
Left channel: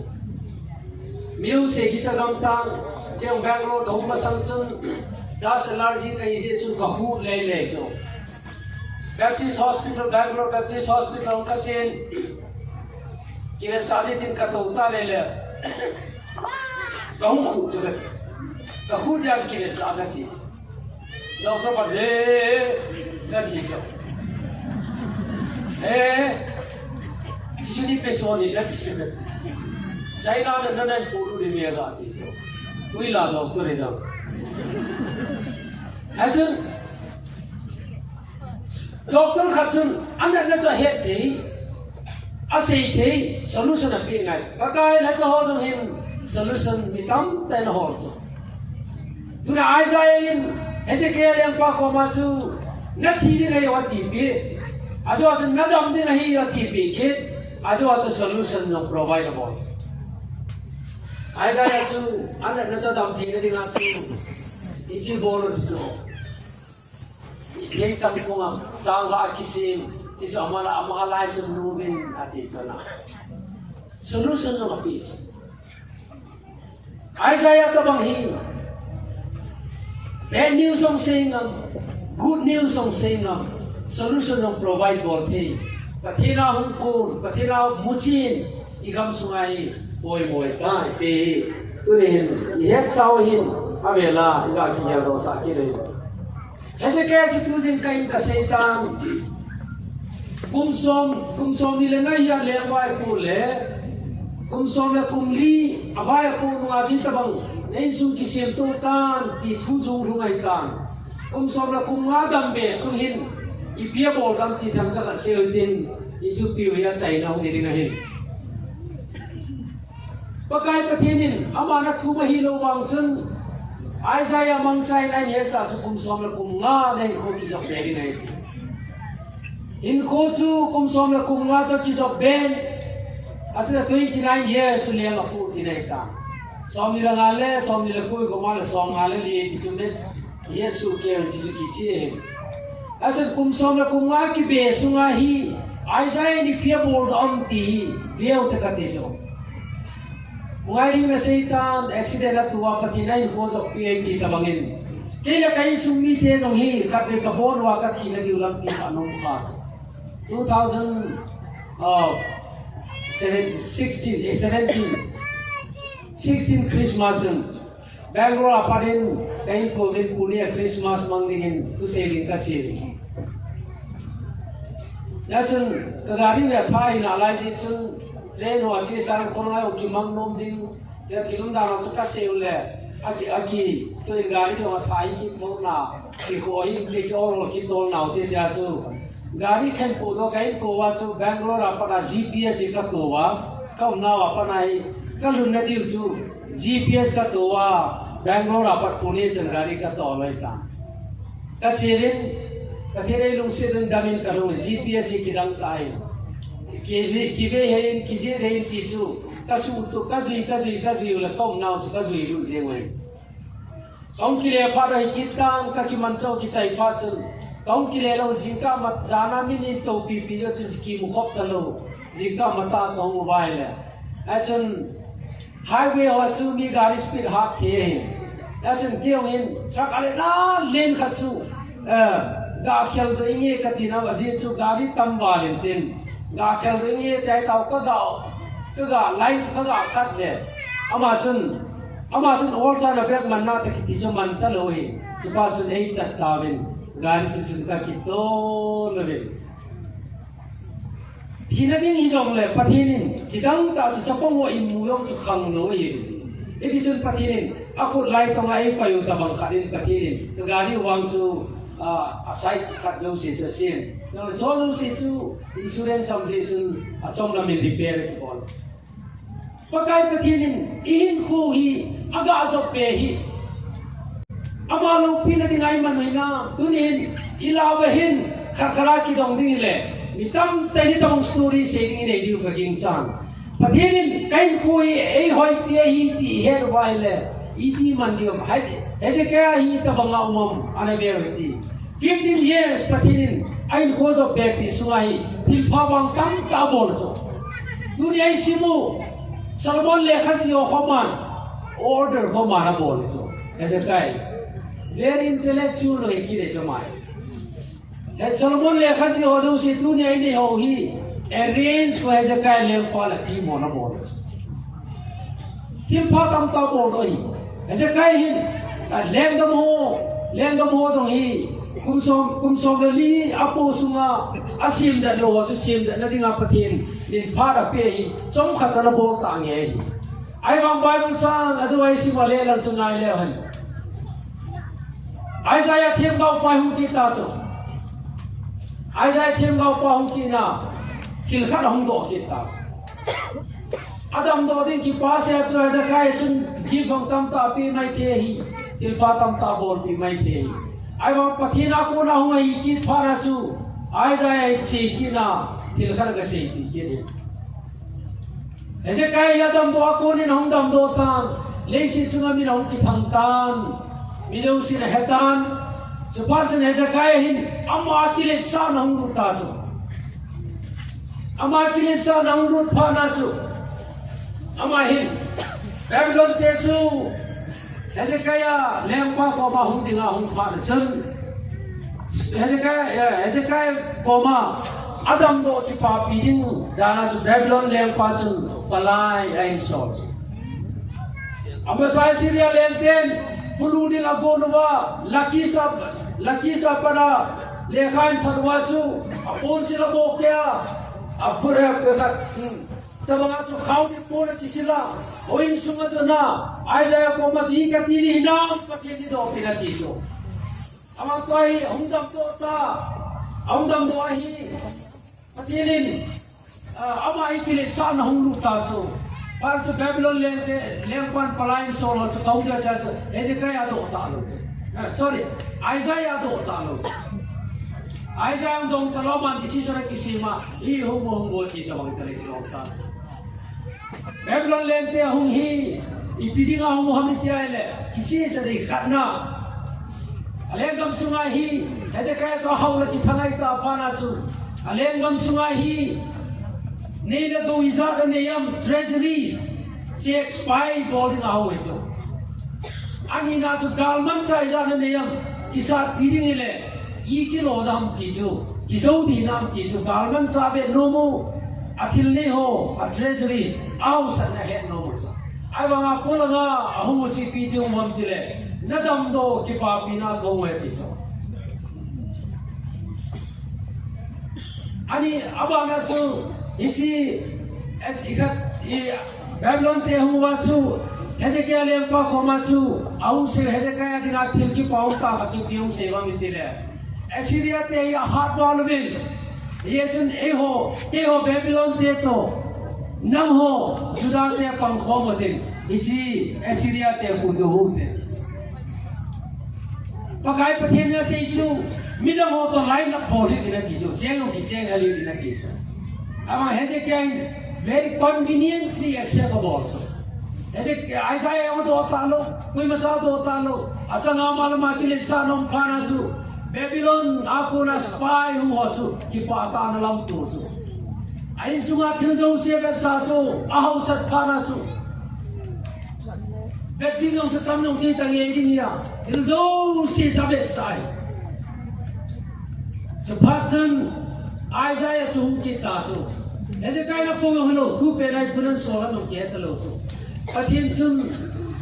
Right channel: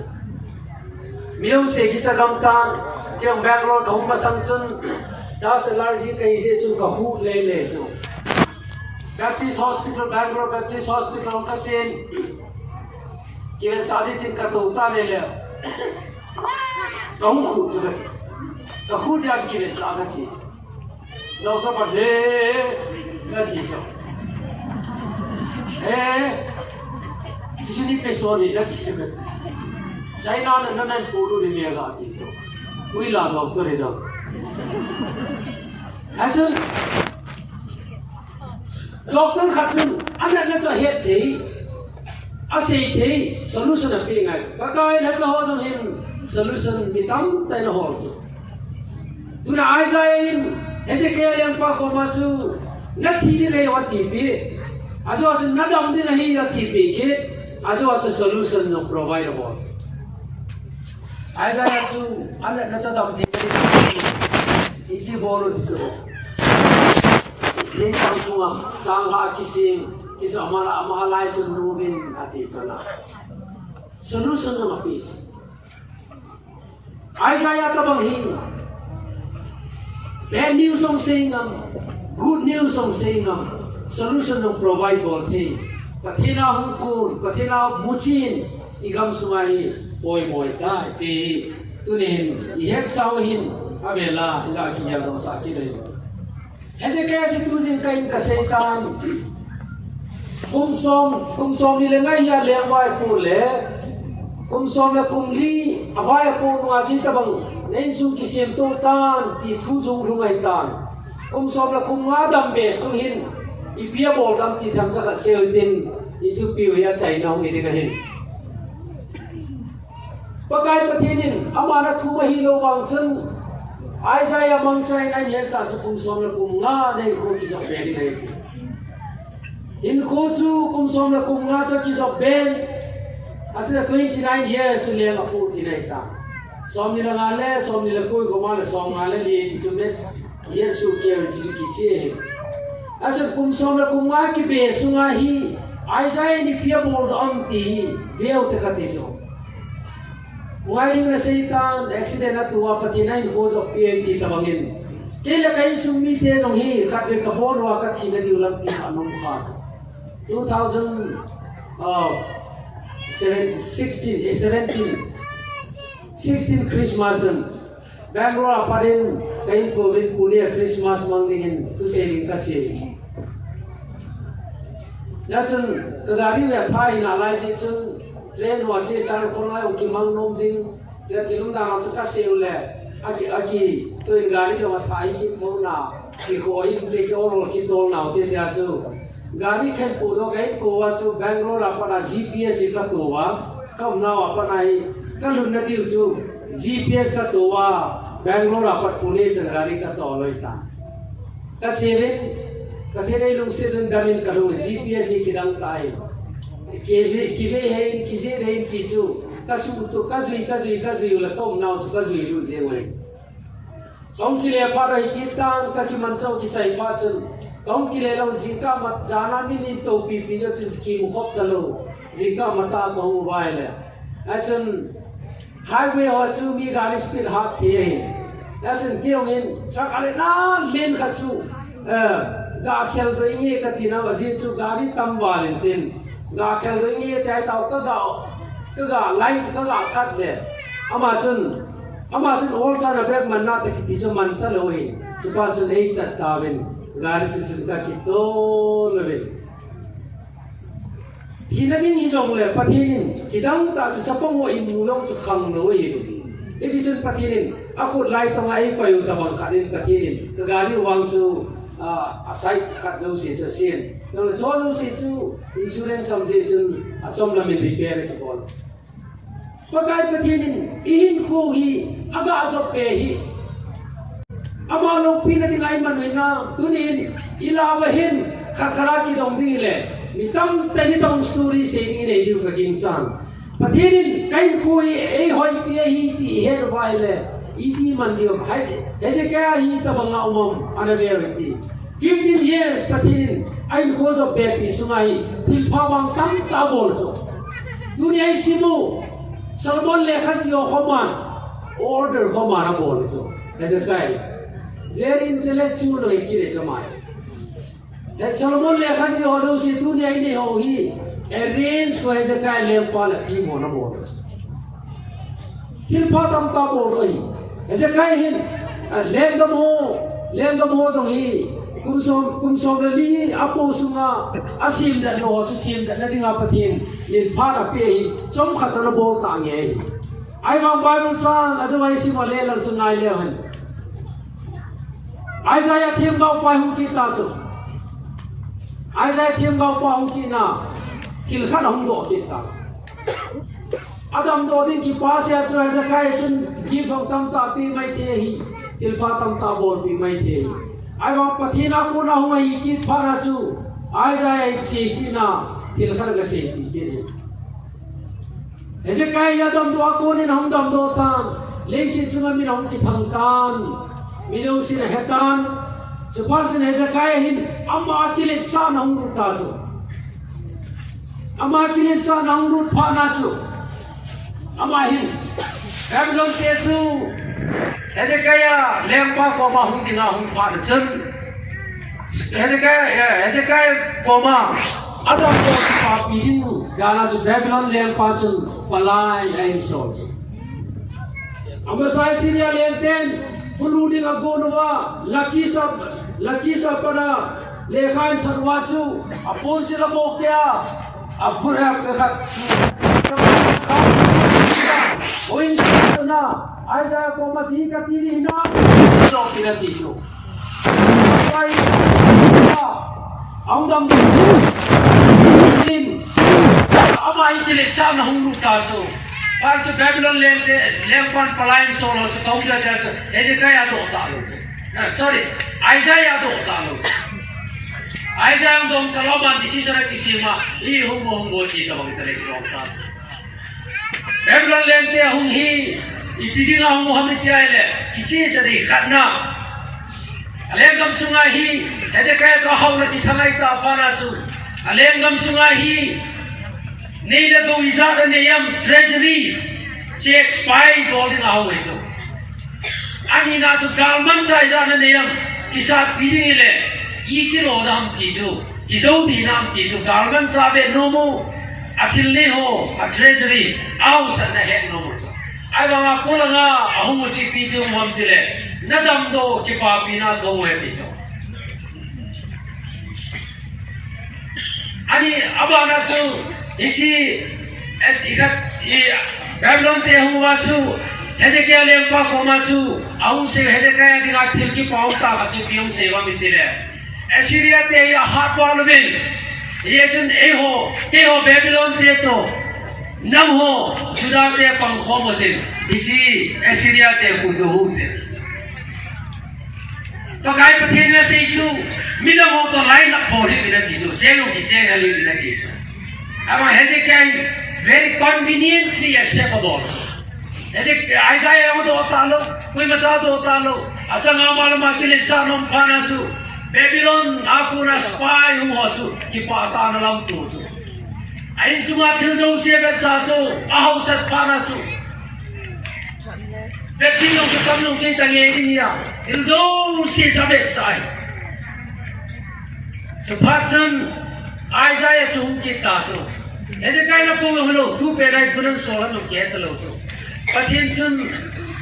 miu se ki cha gam tan kyang Bangalore ka hum sang chun da allergy ka ise chun ka hu le chu Baptist Hospital Bangalore Baptist Hospital ka chen kia sa đi tin cả tổ ta này là không khổ cho đấy cả khổ ra kia sa cái gì đâu có vấn đề là gì chứ sini person ni dah disebut China na nan photo ni dia ga ti so kui la doctor ni dah action doctor khatun anda na cho het thi asei thi solution api ngai ka kai la cho ho him solution ni tam tai na ho chu tu na ai sai in Ezekiel yang pa ko ma chu na thi ni ngai wa ti pi aso aso na dam ni nahi la ti pi ki aso solution no provide about aisa ya chu anda na cho dam thi ni isi bol chu le tang sunga chang la kisim ti so ama lai chu nu bin ati chana solution no pi aisa ya ka bang hi bad news song saying good news song saying solution of provide all things kathina hukun kathina muchin igam sungai boy tai te tunin yek sau hin avela ila ki ya do sa ki re Ezekiel situsin kai ka setan kumsom ni le ngai ya le wai pu le kumsom le kumli awai pu ma jin ta bang nei su ki sem to tan ti thu jung lu ngai tan kumsom le kum nga dam be su hin ipia bol dam ti tham cha ka sel tin itu piu ya chai nong ni ga hin pakai pathinin amana thu ma hi lo wang chen ai sai among chai na ye sa chu kum som le kum nga nei ko ki so be ri nei in ko chu kum som le kum nga cha ki so ben asina 29 years le ma pu ti nei ta som ni la ngale som ni le ko ko ma le som ngale li ti chu net yesu ke ji ki che Acha kum som la kum nga ki be sunga hi ai sai ni pia bol on ti deu te ka ti so ngai na setan accident atua patinai cause of pain ti tamangin ke la kai sumi te no hi ka be ka bol wa ka thi na di ulam pi anu kha 16 Christmas Bangalore apadin kai covid punya Christmas mangdingin tu selling ka che ya chen kadari ne phai na lai chi chen train wa che sang kon lai ki mang nom ding ya tilum da no ka se ule aki to gari jo thai ki mo na ki ko i le ko ro ki tol na te ya chu gari khan pu do kai ko wa chu Bangalore apana GPS ka to wa ka na wa apana hi ka lu na diu chu GPS ka to wa Bangalore apat Pune jangari ka to loi ta ka chilin ka thei lung se dun damin ka lu GPS ki dang tai ki ve he ki je re ti chu ka su to ka zui la kom nau ka zui lu je we kom ki le pa rai ki tan ka ki man chau ki chai pa chen kom ki le lo jingka mat jana mi ni to pi pi jo chen ki mu hop ka lo jingka mata ma hu vai le achun highway ho chu mi gari speed hak the achun kiong in chak ale la len kha chu ga khel to inge ka tina wa ji chu gari tam wa len tin ga khel to inge tai tau ka ga line ka ga kat le ama chun all chana brek man na ta ki chu man ta lo hi chu pa chu ei ta ta ben gari chu ka ki to lo be Thina ni jong le pathin kidang ta cha pong wo in mu yong chu khang no hi e ti chun pathin a khut lai ta ngai pa yu ta bang kharin pathin ka gari wang chu a sai khat lo se cha sen no cho lo se chu insurance sam de chun a chom la min repair ki bol pakai pathin in khu hi aga jo pe hi ama lo pi la ngai man na tunin ilawa hin khakhara ki dong ding le Nitam tadi tong story saying ini juga kaging cang. Patirin kain koi hoi pia ti her waile iti mandiam hai. Ese kaya ta banga umum anabiyati. 15 years patirin ain khozo bepi sungai til pawang tam tabol so. Dunia isimu Salmon le khasi o khoman order khomana bol so. Ese kaya very intellectual lagi kire chamai. Salomon le khasi ho do se dunia ini ho hi arrange ko Hezekiah lem pa la ti mo na mo til pa tam ta mo oi Hezekiah hin lem dam ho jong hi kum som li apo sunga asim da lo chu sim da na dinga pathin nin pa da pe hi chom kha ta la bol ta nge ai wang bible chang azawai si ma le la chungai le han Isaiah thêm gạo pa hu ki ta chu Isaiah thêm gạo pa hu ki na til khat hong do ki ta Adam do din ki pa se chu Isaiah chun ki phong tam ta pi mai the hi til pa tam ta bol pi mai the hi ai wa pathina ko na hu hi ki pha na chu Isaiah chi ki na til khat ga se pi ki ni Hezekiah Adam do ko ni hong dam do tan le si chu mi hong ki thang tan Mizo si hetan cepat sen Hezekiah hin ama akile sa nang ruta chu ama akile sa nang rut pha na chu ama hin Babylon te chu Hezekiah lempa ko ma hung dinga hung pha na chen Hezekiah ko ma Adam do si pa pi din dana chu Babylon lempa chu palai ai so ama sai sinia lenten Puluding agonowa laki sa pada lekhain thanwa chu apon sila bokya apure khat oin na Isaiah ko ma ji ka tili hina so pinati so pai audam din ama itile sa na hung ta chu Pak tu Babylon lempan pelayan solo sekau dah jasa. Hezekiah tu tak lu. Sorry, Isaiah tu tak lu. Isaiah tu kalau mandi si sore kisima, li hung kita bagi terlebih dahulu. Babylon lente hung hi, ipidina hung Muhammad tiada. Kisi sedih karena Alengam sungai hi, Hezekiah tu haul di tengah itu apa nasu. Alengam sungai hi. Neither do we have any treasuries, checks, spy, gold in our way. Ani na to Galman Chaiza and Nayam, Kisat Pidile, Ekin Odam Kijo, Kizo Dinam Kijo, Galman Sabe no more, Atil Neho, a treasuries, house and a head no more. I want a Pulanga, a homosi Pidio Montile, Nadamdo, Kipapina, go away. Ani Abana. Isi Babylon te huwa chu Hezekiah lempa ko ma chu au se Hezekiah dinga thil ki pau ta ka chu piung seva mitile Assyria te ya hat walwin ye chun te ho Babylon te to nam ho Judah te pang kho motin isi Assyria te ku do hu te to kai pathin na se chu midang ho to line up ho ri na ti chu chelo ki cheng ali na ti chu Ama Hezekiah very conveniently acceptable. Isaiah itu otalo, kau macam itu otalo. Acang amal makile sanom pana tu. Babylon aku na spy huacu, kipata na lam tu. Ain semua tildo siapa sahaja, ahau sat pana tu. Babylon kekamnong cerita ini ya, tildo siapa sai. Cepatkan Isaiah tu kita tu. Hezekiah na pun hulu, tu pelai punan soalan nak kita lalu tu. Patien cun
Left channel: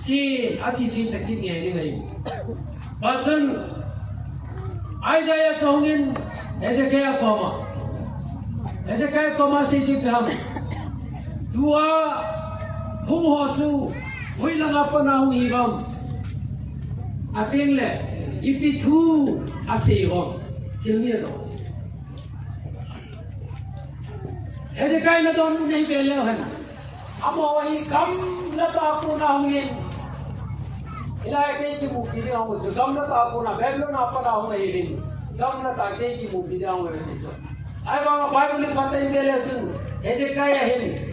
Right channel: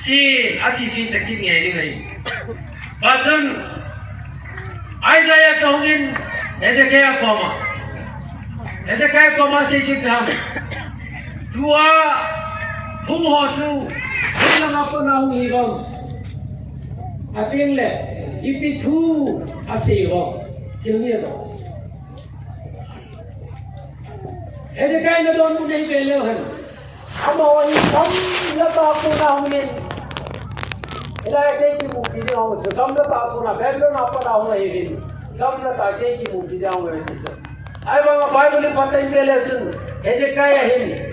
si ati si takin ni ni. Patien Isaiah sahungin Hezekiah koma si cikam. Dua humuhasu, hilang apa nak hibam. Ating le, ipi tu asihom, cilnya tu. Hezekiah na doon muna hibelehan. Amo ikam na tako na hungin. Ilay kay ki mukti na hungin. So kam na tako na. Babylon apa na hungin hibin. Kam na tako kay ki mukti na hungin hibin. Ay mga Bible patay hibelehan. Hezekiah hin.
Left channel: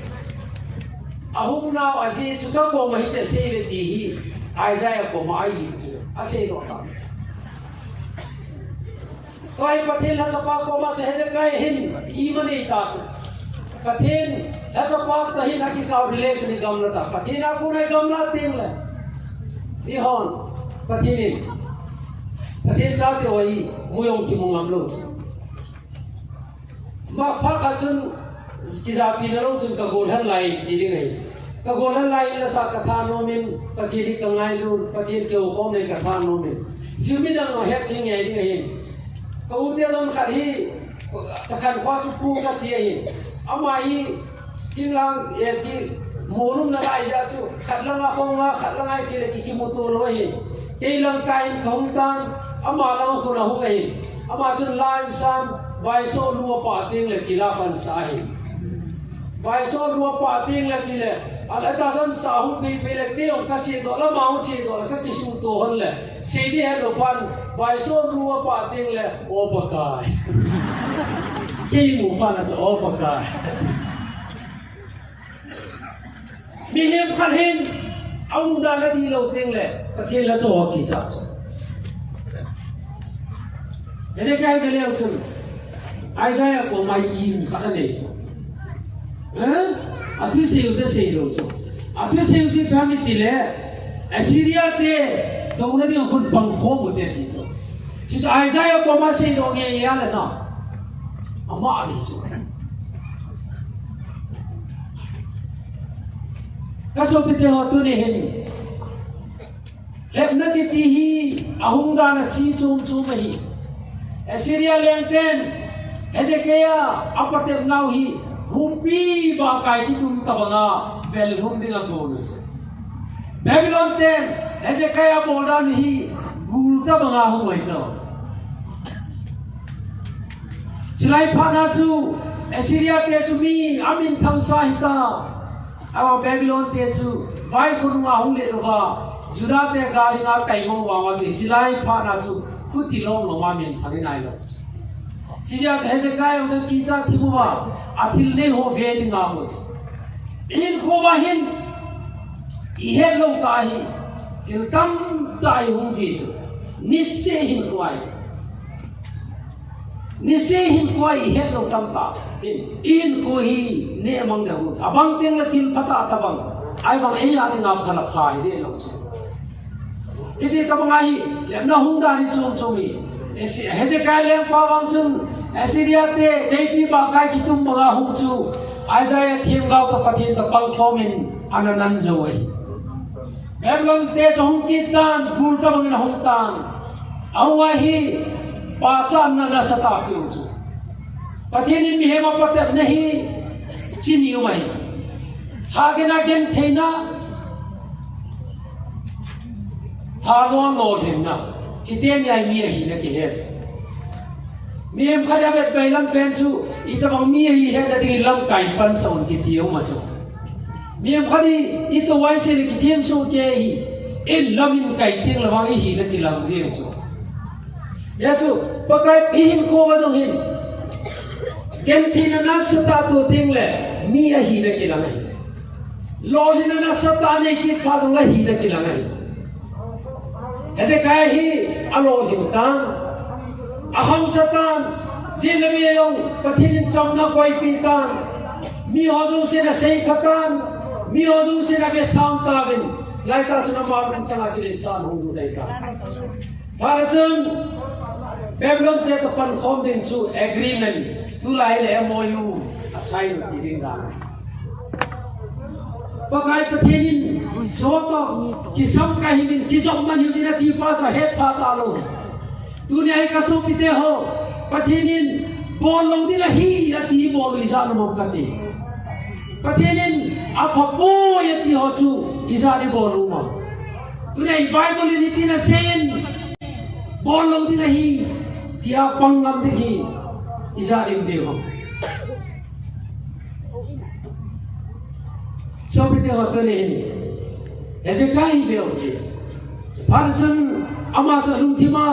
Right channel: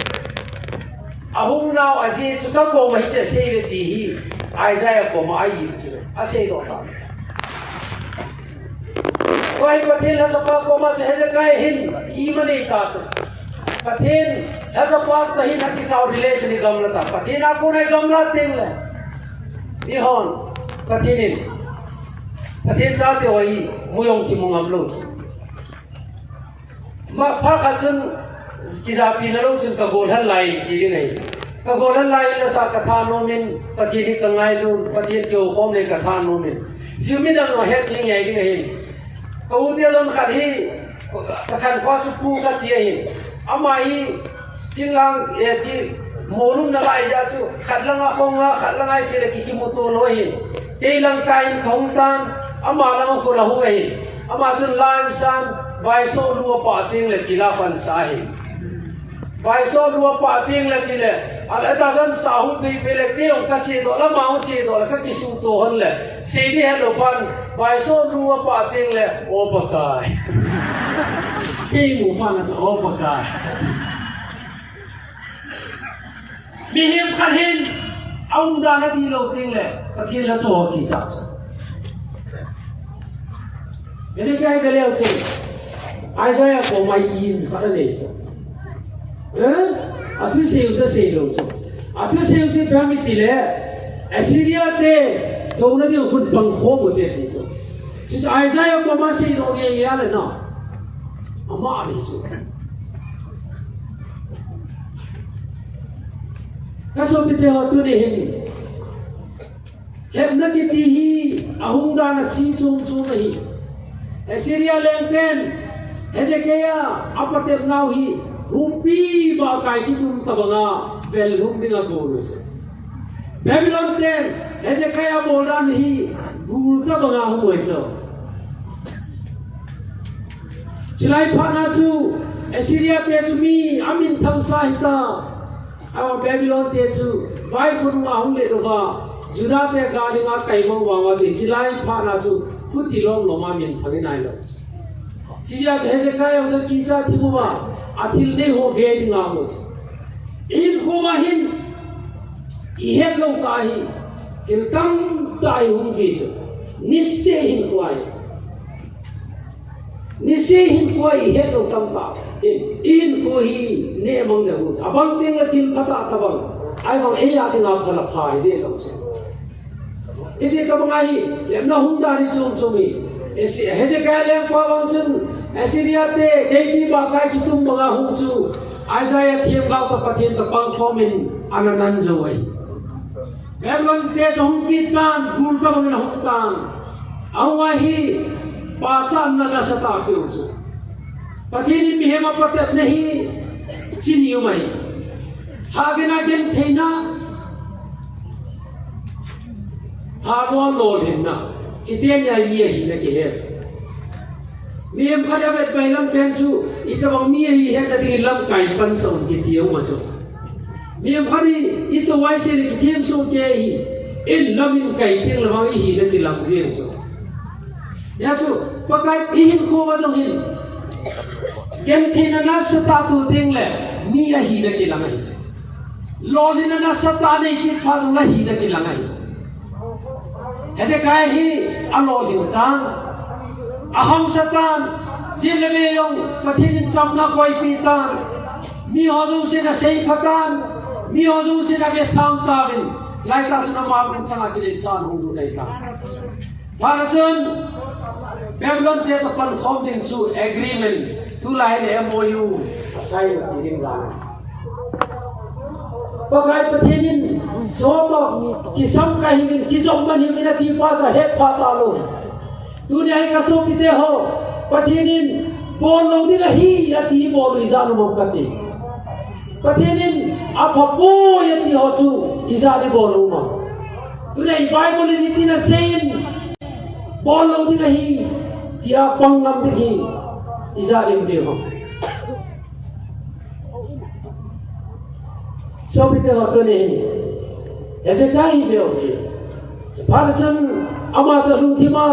Ahung na asi suka ko mahitya save dihi. Isaiah ko maayi. Asi ko ta. Kaya patil na sa pa ko mas Hezekiah hin. Even ita sa. Patin, ऐसा बात नहीं ना कि cow relation ही गमला था। patin आपको नहीं गमला तेंगले। निहोन patin साथे वही मुयों की मुंगमलो। मा फाकचुन kisah pinaro cun kagolhan lai kiri ngai kagolhan lai la sa katha nomin patiri kangai lu patir kyo kom le katha nomin silmi dang no het ching ngai ding hin kau dia lon khathi takhan kwa su pu ka tia hin amai tinglang ti morum na lai ja chu khatlanga konga khatlanga chile ki moto lo hin teilang kai khong tan ama lang ko rahu ngai ama chun lan san bai so lu pa ting le kila pan sa hin bai so lu pa ting le kile ala ta san sa hu pe pe le pe ka che do la ma hu che do ka ki su to hon le se di he lo pan bai so lu pa ting le o pa kai ki mu pan sa o pa kai mi him khan hin ông da nó đi lâu tiếng lệ cái thiên là cho kỳ chặt cái cái cái leo thì ai nói có mày im phát này à thứ siêu thứ siêu rồi à thứ siêu thì phải mình tỷ lệ Assyria thế đâu nó đi một bằng khổ một点gì rồi chỉ là ai nói có mà siêu nó nghe nghe là nó mà đi rồi các số biết họ tôi này gì hiện nay cái gì ông đang chỉ chung chung này Assyria lên tên Hezekiah apa tiap nau hi rupi ba kai ki tum tabanga vel rum dinga gol Babylon tên Hezekiah bolan hi gul tabanga hoi so chilai phana chu Assyria te chu mi amin thang sa hita aw Babylon te chu vai kurunga hole ro Judah te gali nga kai mo wa ji chilai phana chu kutilong no ma min thagi nai lo Cia Hezekiah ông sẽ kỹ ra thì qua, atil đến hồ về thì ngào rồi. In hồ mà hin, ihe lâu cái, thì tâm đại hùng gì chứ, nisse hin quay ihe lâu tâm bảo, in hồ hi nè mong được rồi, abang tiếng là tin bắt ta bang, ai còn ấy là tiếng nào thật là phải đấy lâu chứ. Ini kamu ngai, yang na hung dari cumi. Hezekiah yang pawang cun, Assyria te JP bagai kitum mga hung cu, Isaiah thiam gau kapathin tapang fomin ananan joy. Babylon te hung kitan, gulta mga hung tan, awahi pacham na nasata piu cu. Pathin mihema patep nahi chiniu mai. Hagena gen theina Hagwan Lord him na. Chỉ tiên nhảy mía hi na ki hết. Miếng khai ra về bay lăng pen chu, ít bao mía hi hết đã đi lăng cày pan sòng kịp thiếu mà chu. Miếng khai đi ít cái vay xe đi thêm số kia hi, in lăng in cày tiếng là bao hi đã đi lăng riêng chu. Ya chu, bao cái pin khô mà trong hin. Ken thi na sa ta tu tiếng lệ, mía hi na ki lăng hi. Lo đi na sa ta này ki pha trong là hi na ki lăng hi. Hezekiah hi alo di utang aham setan zilme yong pathin cham na koi pitan mi hozu se na sei khatan mi hozu se na be sam ta bin lai ka suna ma bin changa ki insan hu dai ka parachun Babylon te to pan khom ding chu agreement tu lai le MOU asai ki ding ra pagai pathin Soto kisam kahimin kisam man yung inatipa sa hepa talo. Tunay kaso pite ho patinin bolo din hi ati bolo izan mo kati. Patinin apapo yati ho chu izan bolo mo. Tunay Bible ni tina sen bolo din hi tia pangam din hi izan din ho. So pite ho kani Hezekiah beliau je. Parcen amat lumtima,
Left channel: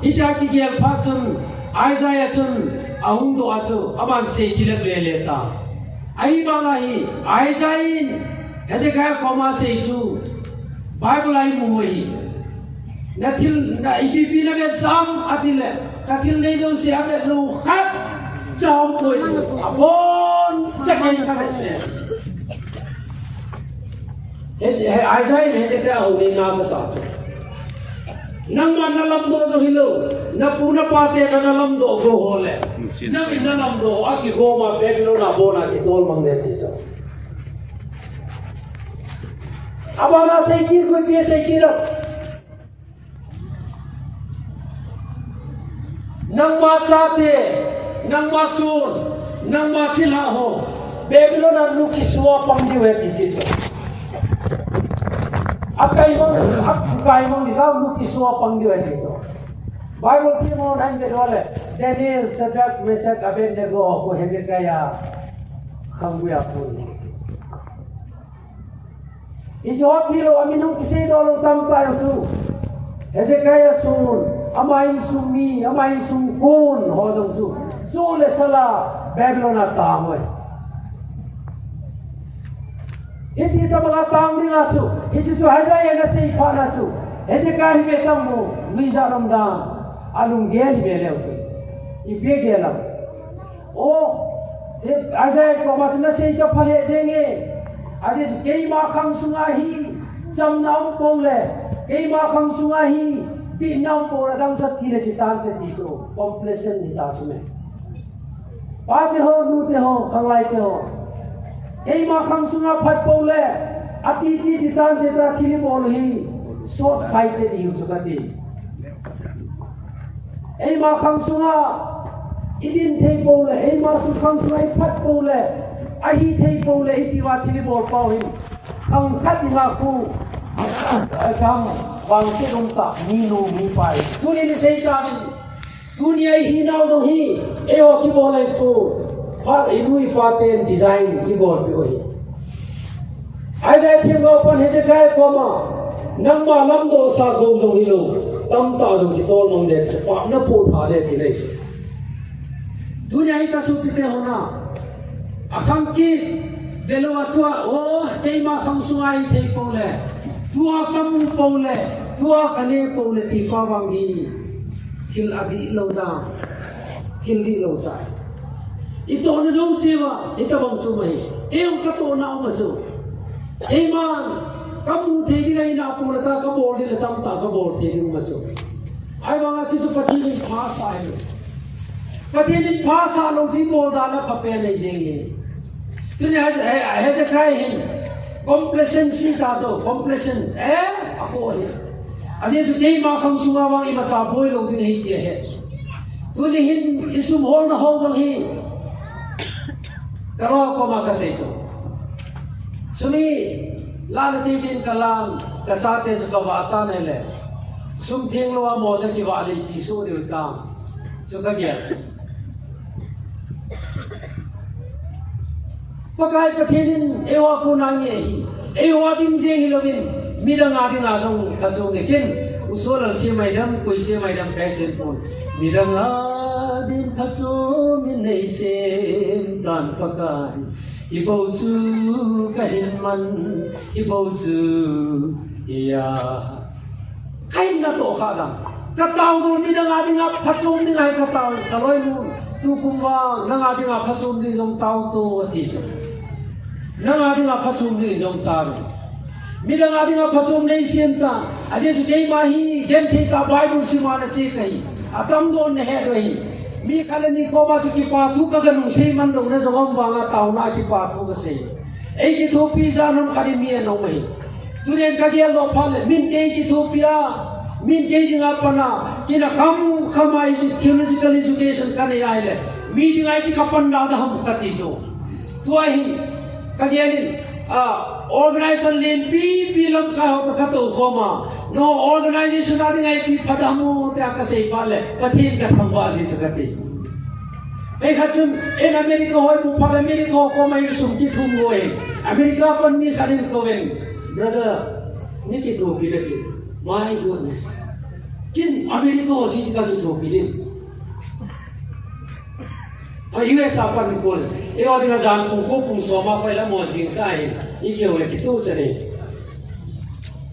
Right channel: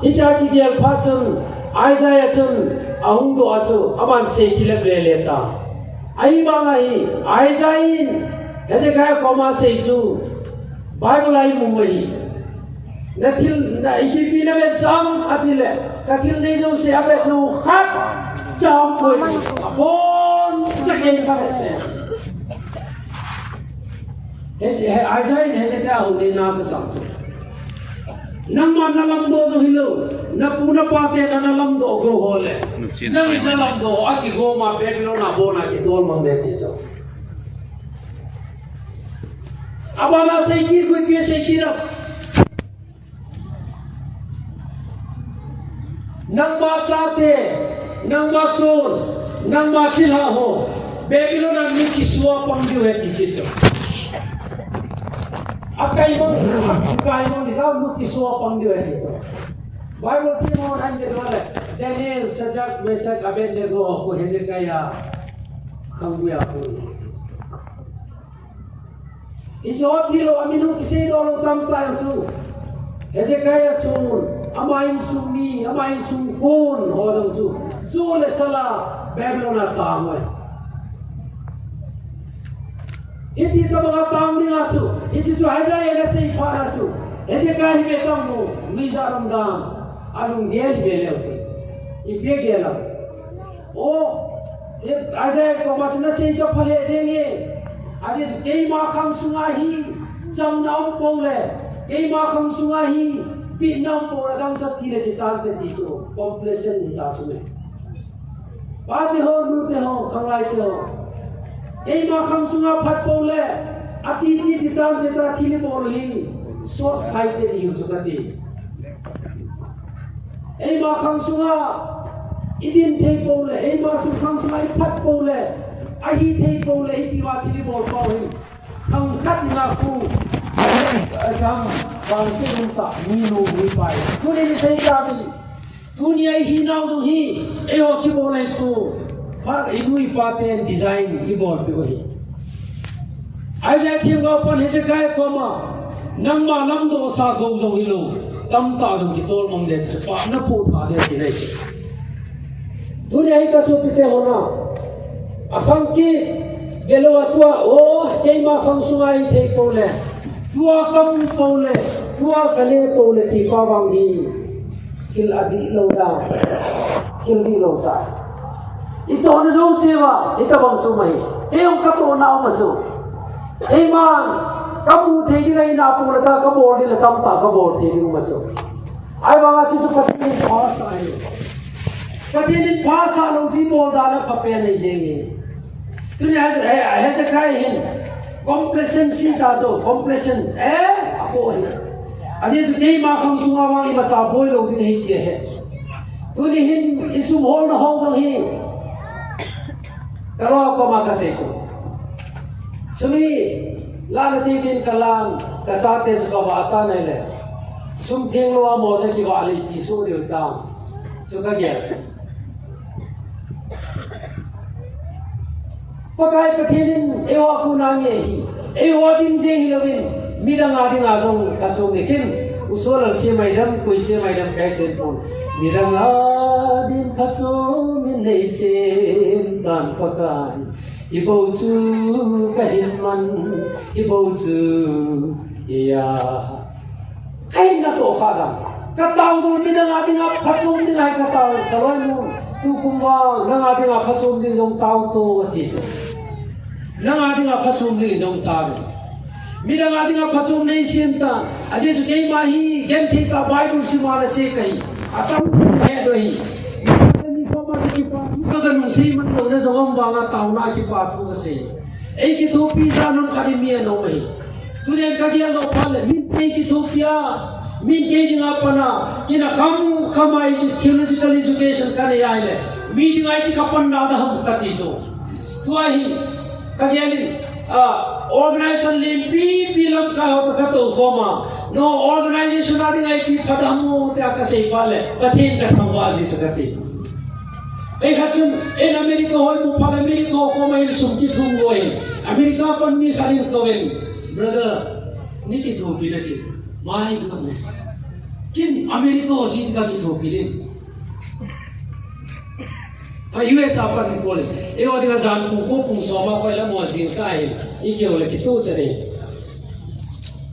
ita kikil parcen Isaiah cen ahung doa tu aman sejilek leleta. Ayi bangai Isaiah Hezekiah koma seju Bible ayi mui. Natil na ipi lagi sam atile. Katil nejo se abe nu khat jam koi abon jagen kame se. Isaiah Hezekiah hore na ka sa. nang man na lam do zo hilo na puna pate ka na lam do go hole nang na lam do aki go ma pe lo na bona ki tol mang de ti so abana sai ki ko pe sai ki ro nang ma chate nang ma sun nang ma chila ho Babylon na luki suwa pang diwe ti so Akai mong ni kau luki suwa pang diwe ti so Bible ti mo nan de wale Daniel Shadrach Meshach Abednego ko Hezekiah kambuya ko Ijot nilo aminu kisay dolo tampay su Hezekiah sun amain sumi amain sumkun hodong su le sala Babylon at tamoy Iti sa mga taong din aso, iti sa hajaya na sa ipa na aso, iti kahit betang mo, misa ramdam, alung gel belaw si, ibe gelaw. O, ajay ko mas na sa ito pala jenye, ajay kay makang sungahi, jam naong pole, kay makang sungahi, pinang pole, dang sa tira ditante dito, completion dito aso me. Pati ho, nute ho, kangay ho, Ei makang sunga phat pole ati ti ditan de ta thili bolohi short sighted hi chukati ei makang sunga idin thei pole ei makang sunga phat pole ahi thei pole iti wa thili bol pawi kang khat na ku ajam bang se rum ta ni nu mi pai tuni ni sei ka ni dunia hi nau do hi eo ki bole tu Pak igui paten design ibor pe oi Aja thiam pan Hezekiah koma nang ma lam do sa go jong hilo tam ta jong ki tol mong de se pa na po tha de ti nei se dunia hi ka su pite hona akang ki belo atua o kei ma khang sungai thei po le tua kam po le tua kale po le ti pa wang hi thil adi lo da thil di lo ta Ito na jo sewa ito bang chumai eong kato na o macho e man kamu thegi nai na pu la ta ka bol ni la tam ta ka bol thegi mu macho ai banga chi su pati ni phasa ai pati ni phasa lo ji bol da na pape nei jengi tu ni ha se kai hin complacency ta jo complacent ako hi aje tu nei ma khang sunga ma i ma cha boy lo din hi ti he tu ni hin isum hol na hol dang hi Kalau apa maka itu, sumi lalu titin kalam kasate suka atan ele, sum tiang lo amo sa kiwa ali pisu di utang, suka dia. Pakai petinin ewa punanya hi, ewa din siang hilawin, midang ading asong nikin, usul si maidam kui si maidam kaisen pun, midang ading kasong minaisin tan pakai. Ibu tu kahilman, ibu tu iya. Kain na to kadang. Kataw so midang ating pasum ding ay kataw. Kaloy mo tu kumwa nang ating pasum ding jong taw to ati. Nang ating pasum ding jong taw. Midang ating pasum nei sienta. Aje su kei mahi gen thi ka Bible si mala che kai. Atam ko ne he doi. Ni ko ma ki patu ka gan si man do ne jom banga taw na ki patu ka se ei ki thopi da nam kari mi no mai tu ne ka dia no phale min ei ki thopia min ke jing apana kina kam khamai ji theological education ka ne ai le mi ding ai ki kapan da ham ka ti jo tu ai ka dia ni organization len pi lam ka ho ka to ko ma no organization ading ai pi phadamu ta ka sei phale pathin ka thangwa ji sakati Kacun, Amerika hoy mupal Amerika ko may sumti thungoy. Amerika pan mi khalil kowen. Brother, niki thopi lagi. My goodness. Kin Amerika ho jit ka thopi le. US apan pol. E ho dinga jan ko pung soma ko la mo sing kai. Ike ole kitu chare.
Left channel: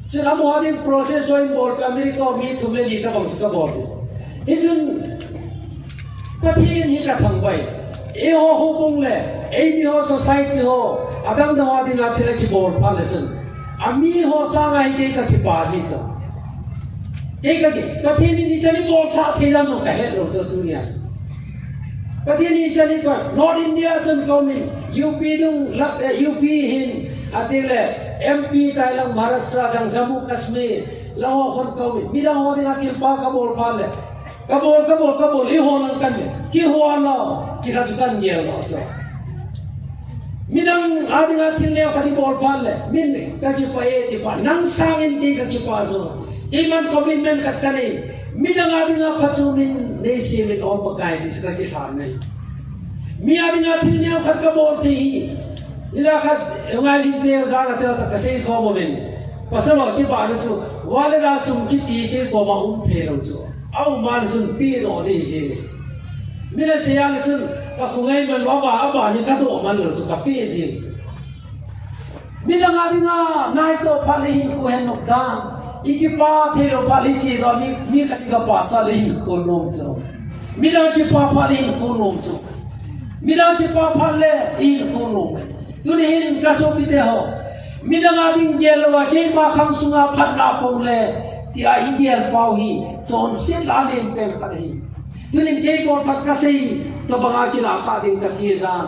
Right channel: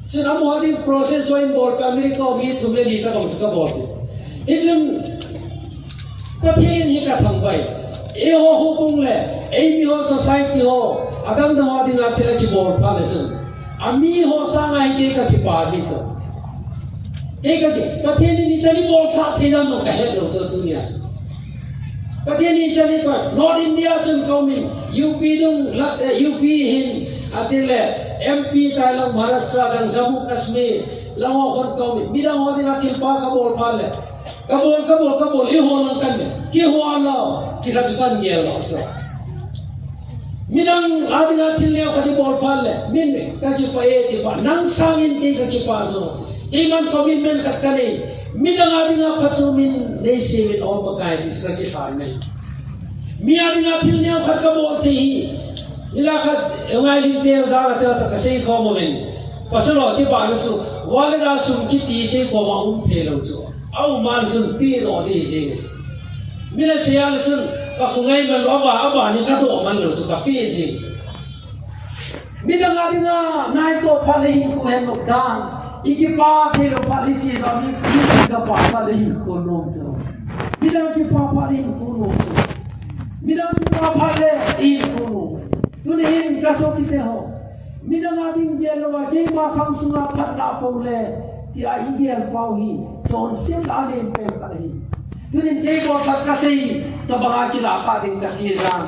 Chana mo hadin process ho involved Amerika mi thumle ni ta bang ska bol. Ejun Pati ni ka thangbai ho bung le mi ho society ho adang da ding a thela ki bor pha le ami ho sangai ke ka ki pa ji sa cái cái thiên nhiên chân đi bol sa thế gian một cái hết rồi cho dunia cái thiên nhiên chân đi coi North India chân công mình UP dung UP hin atile MP tai lang Maharashtra dan Jammu Kashmir lang kon công mình bidang ho din atil pa ka bol pa le kabol i ho lang kan ki ho ala ki ka chukan ngel lo so Minang ading atin leo kati bol palle min kaki pa ti pa nang sangin ti kaki pa so iman commitment kat kani minang ading apatsu min nesi mit on pakai di kaki farne mi ading atin leo kat ka bol ti nila kat ngai leo sa ta kasi ko mo min pasalo ti pa no su wale da sum ki ti ke ko ma phelo so au man sun pi ro di ji mina siang sun ka kungai man aba ni ka to man lo su ka pi ji mina nga nai to phali ko hen nok dan iki pa thi ro phali chi ro ni ka pa phali ko nom so mina ki pa phali ko nom so mina ki pa phale I ko nom tu ni hin ka so pi te ho mina nga ding gel wa ke ma kham sunga phat la pong le ti a India pau hi chon sin la len pe phali tunin ke ko phat ka sei to banga ki la kha ding ka ti ram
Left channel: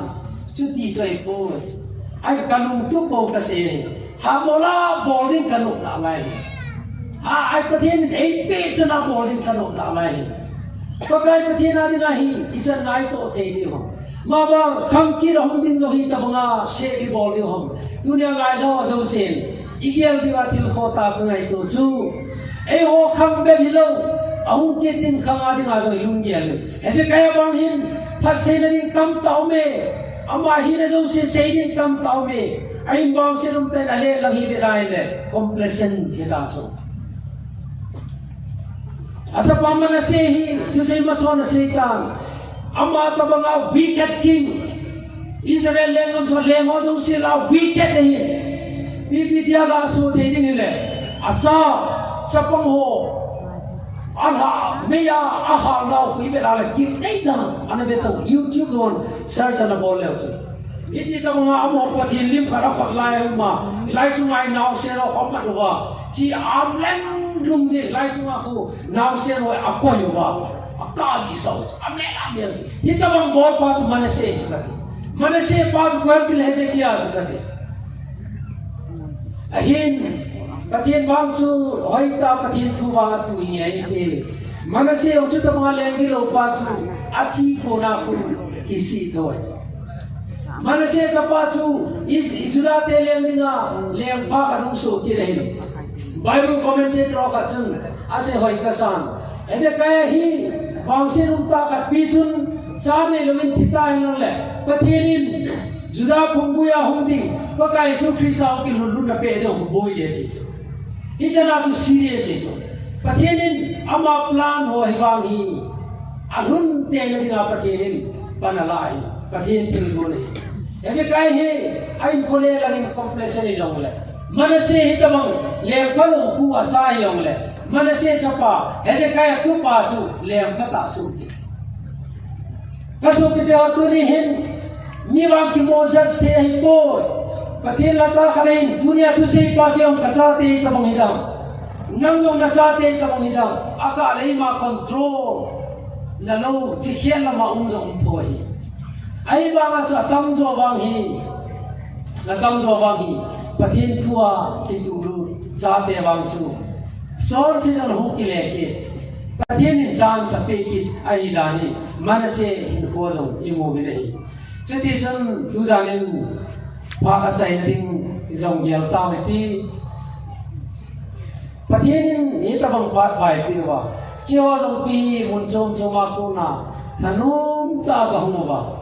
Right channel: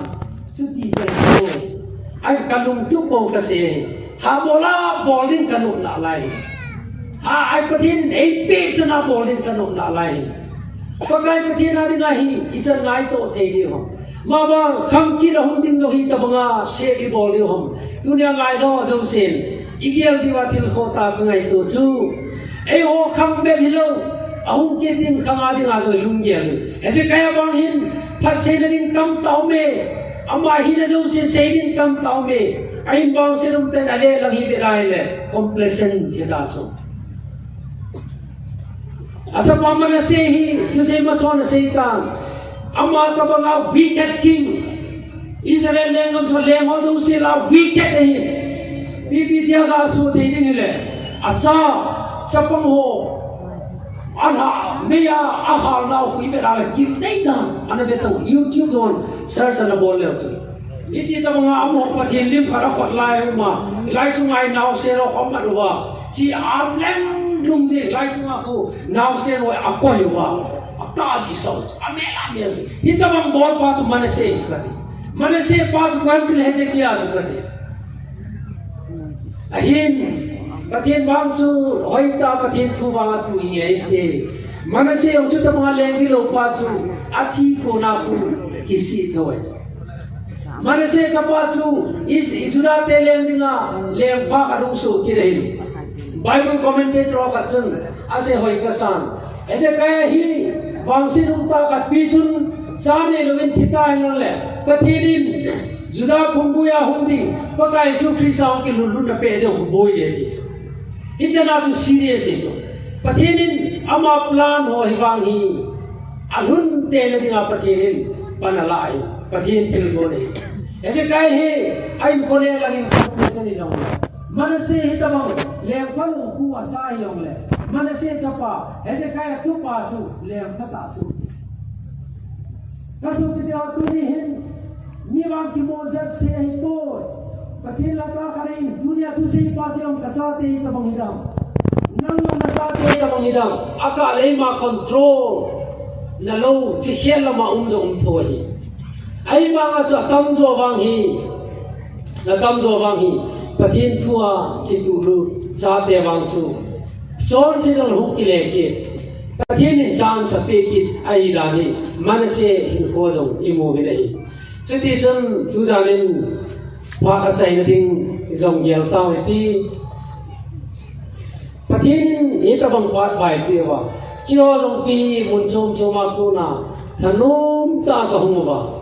chu ti sai ko ai kalung tu ko ka sei ha bola bowling kanuk na lai ha ai ko tin ei pe chana bowling kanuk na lai ko kai ko tin ari ga hi isan ngai to thei ni ho ma ba kham ki rom ding lo hi ta banga se ki bowling ho dunia ngai do jo sin igel di watil khota ngai to chu ei ho kham be hi lo ahung ke tin khang adi nga so lung gel ese kaya bang hin phat se na ding kam tau me ama hi na jo se ding kam tau me ai bang se rum te ale lang hi be rai le complacent ke da so asa pama na se hi you se ma so na se ka ama ta bang wicked king Israel lengam so lengo jo se la wicked hi bi dia ga su te ding le asa chapang ho Aha, meya aha na kui be ala give data ana be to YouTube on search ana bol le tu iti ta mga amo pa lim khara khot lai ma lai chu ngai naw se ro khom na wa chi am leng lum ji lai chu ma ku naw se ro a ko yo wa a ka bi so ame ita bang bol pa tu mane se pa tu kan le je kiya tu kati ahin Katin bang chu hoi ta katin thu ba tu ni ai te manase o chu ta ma leng gi lo pa chu athi ko na ku kisi thoi manase cha pa chu is ijura te leng ninga leng ba ka ru su ki rein Bible commentator ka chung ase hoi ka san eje ka hi bang se rum ta ka pi chun cha ne lu in thita nang le pathirin juda khumbu ya hundi pa ka Yesu Krista ki lu na pe de boy ye Ijana tu serious itu. Patienin ama plan ho hiwangi. Alun te le dinga patienin panalai. Patien tilgone. Ese kai he ai kone lagin completion ni jong le. Manase hitamang le palu ku acha yong le. Manase chapa ese kai tu pa su le kata su. Kaso kite tu ni hin ni wang ki mozat se hi boy. Patien la cha khain dunia tu sei pa biong kacha te ta bang hidang nang yong na cha te ta bang hidang aka lei ma control na lo chi khian la ma jong thoi ai ba nga cha tam zo wang hi patien thua ti tu lu cha te wang chu chor si dang hu ki le ke patien in chang sa pe ki ai la ni manase in ko jong imu bi nei chiti chon tu janin Pak saya nering zong gel tau itu, patien ini tak bangkuat baik dia wa. Kio zong pi muncung cuma kuna, tanum tak kahung wa.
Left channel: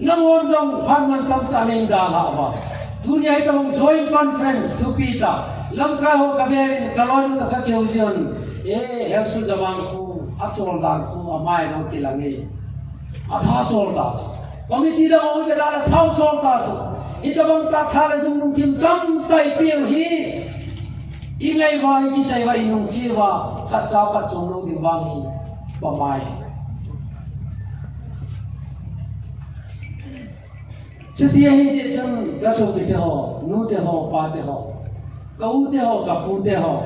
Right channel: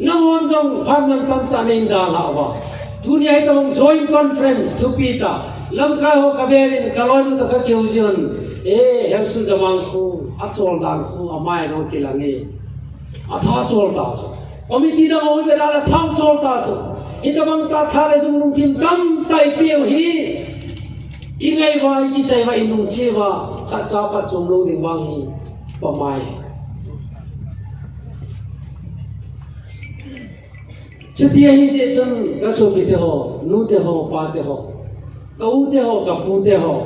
Nangon zong paman tak taning dah wa. Dunia itu bang joint conference supita. Langkah ho kaberin kalau itu tak keujian. Harus jamangku, acol darku amai nong tilangi. Atha acol dah. Komiti dah mau berada thau acol dah. Ito bang tathale jung nung tim kam tai piu hi ingai wa i sai wa inung chi wa kha cha pa chung lo ding wang hi pa mai chutia hi je chung ga so bi te ho nu te ho pa te ho ka u te ho ka pu te ho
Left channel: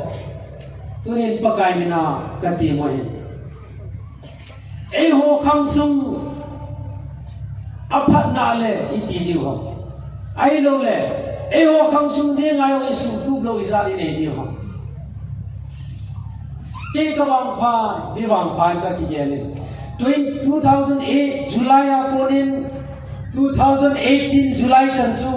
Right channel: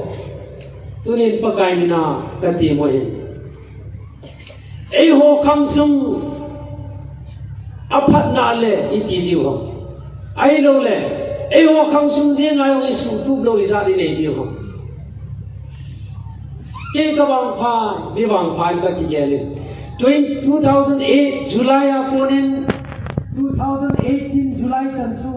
tu nên pakai mina kati mo hin ei ho khang sung aphat na le iti di ho ai lo le ei ho khang sung je ngai ngai su tu lo izari nei di ho ke ka bang pha bi bang pha ka ki ge le 2008 July aponin 2018 July chanchu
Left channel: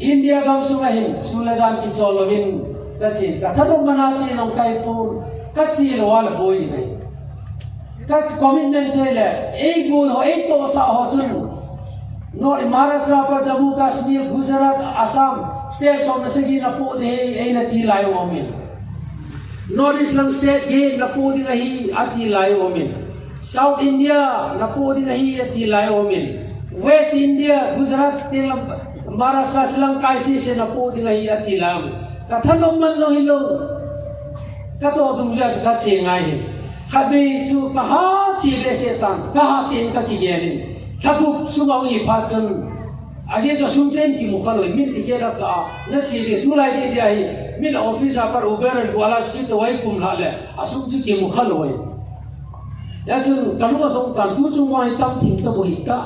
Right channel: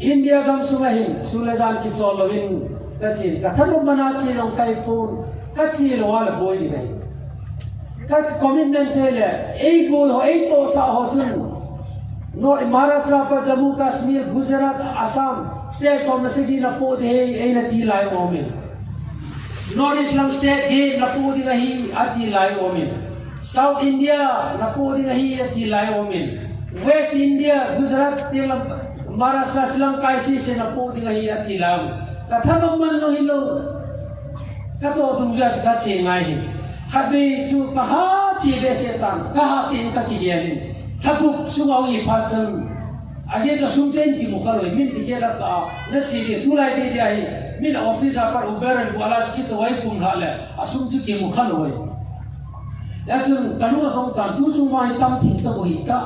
India gam sunga hin sulajan ki cholowin kachin kathalu mana chi long kai pon kachi wal boy ni ka commitment chele ei go ho ei to sa ho chun no Maharashtra pa Jammu Kashmir Gujarat Assam states on the city na po de ei na ti lai ho min North Islam state ge na po di hi ati lai ho min South India na po di hi ati lai ho min West India Gujarat Telam Maharashtra Slang Kaisi se na po di hi ati lai kathalom man no hilo kato dungja ka chengai habi chu kaha chi le setan kaha chen ka ki gelin thakup sumau I phachang aje jo sumchen ki mukhaloi min tikela ka na chi le tulai de jai min office apar uber wala ki to wai kum hale asum chu ki mukhaloi ya chu kanu song kan tu chu mai tam thing ta boi ta